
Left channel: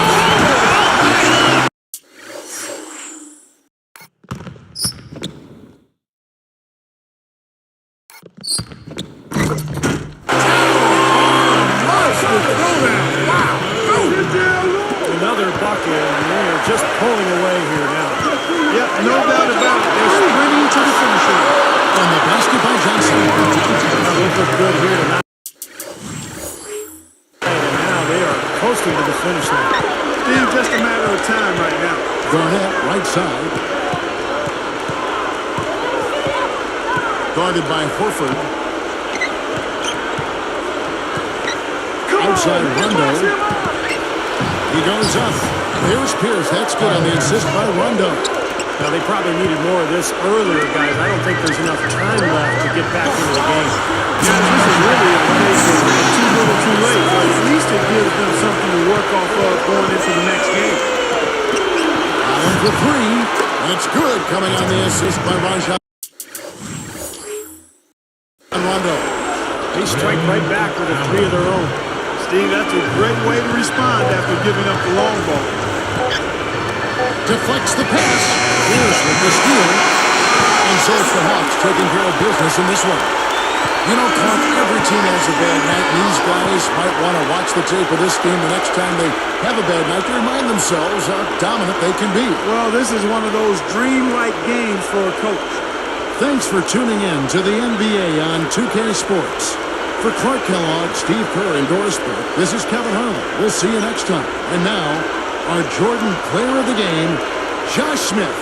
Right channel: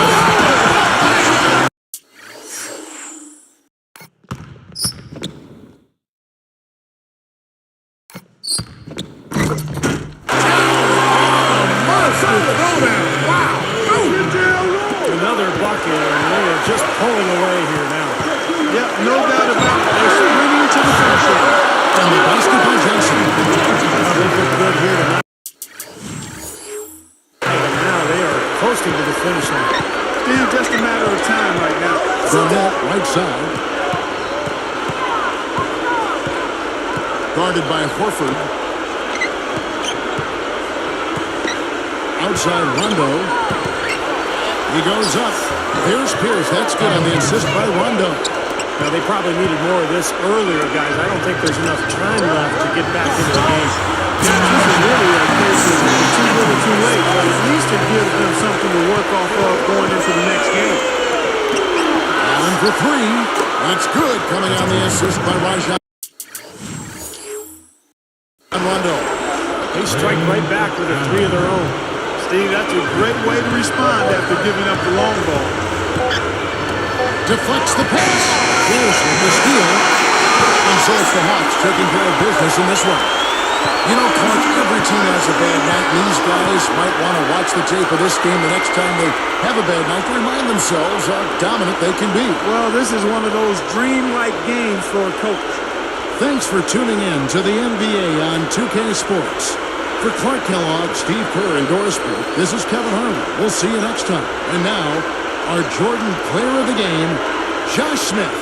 Another bucket, and they are just pulling away here now. Yep, no doubt about it. They're sprinting to the finish line. And the basket by Johnson. They look good here tonight. And now they are coasting to the finish line. Steve, just a matter of time right now. Garnett, right side. Guarded by Horford. Outside Rondo. He goes up. There's Pierce. That's good on the assist by Rondo. Now, they probably needed more of this earlier, guys. I don't think there's enough time left to get back into the game. Yeah, this is really a case of too little too late, but at least it gives them something to work off of going into the next game. Allen for three, and it's good coming on the assist by Rajon Rondo. They strike right back with a three of their own. Steve, that's a great way to respond after giving up the long ball. Deflects the pass. Pierce with the steal. And so it's the Hawks taking care of business in this one. You know, Clark, every team has a bad night, and these guys might want to watch the tape of this game the next time they have a bad night to remind themselves how dominant they can be. Well, this is one of those dream-like games for a coach. Thanks for tuning in to the NBA on 2K Sports. For Clark Kellogg, Steve Kerr, and Doris Burke, this is Kevin Harlan. We'll see you next time. And now, our Jordan Player of the Game, Josh Smith.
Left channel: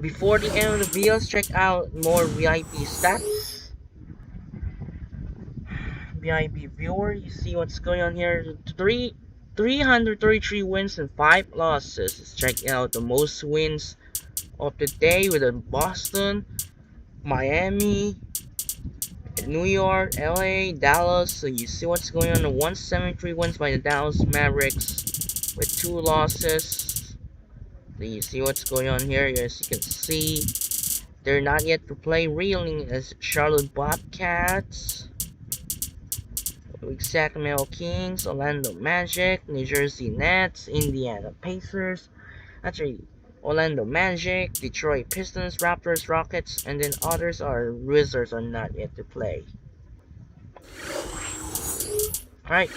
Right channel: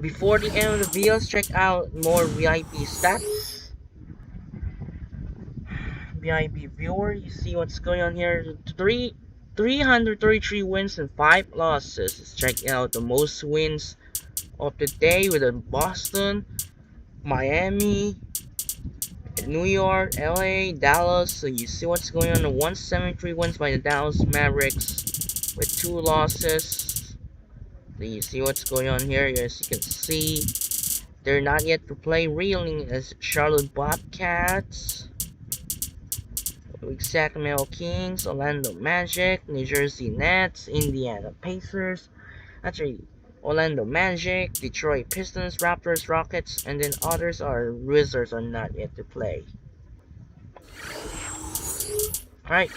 Before the end of the video, check out more VIP stats. VIP viewer, you see what's going on here. 333 wins and 5 losses. Let's check out the most wins of the day with Boston, Miami, New York, LA, Dallas. So you see what's going on. The 173 wins by the Dallas Mavericks with 2 losses. So you see what's going on here. As you can see, they're not yet to play, reeling as Charlotte Bobcats, Sacramento Kings, Orlando Magic, New Jersey Nets, Indiana Pacers, Orlando Magic, Detroit Pistons, Raptors, Rockets, and then others are Wizards are not yet to play. Alright,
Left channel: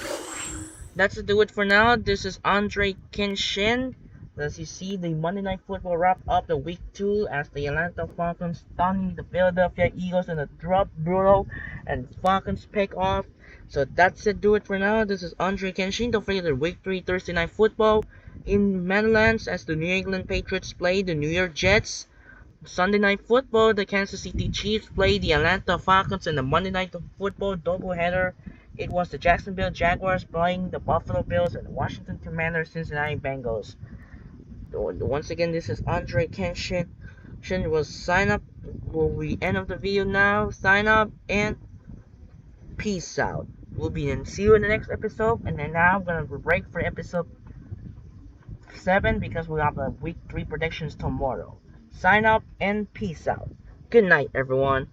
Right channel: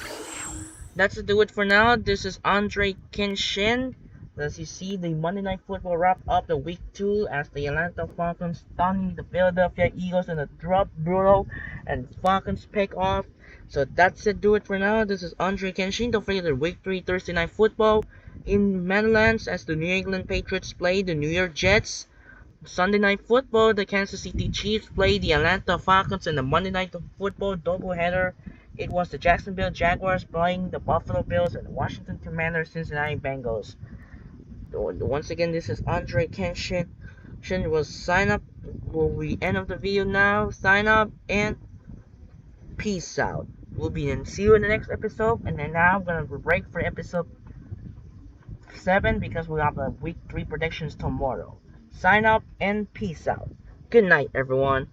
that's to do it for now. This is Andre Kenshin. As you see, the Monday Night Football wrap up the week 2 as the Atlanta Falcons stunning the Philadelphia Eagles in a drop brutal and Falcons pick off. So that's it, do it for now. This is Andre Kenshin. Don't forget the week 3 Thursday Night Football in Meadowlands as the New England Patriots play the New York Jets. Sunday Night Football, the Kansas City Chiefs play the Atlanta Falcons, and the Monday Night Football doubleheader, it was the Jacksonville Jaguars playing the Buffalo Bills and the Washington Commanders Cincinnati Bengals. Once again, this is Andre Kenshin. Will sign up. Will be end of the video now. Sign up and peace out. We'll be in. See you in the next episode. And then now I'm gonna break for episode 7 because we have the week 3 predictions tomorrow. Sign up and peace out. Good night, everyone.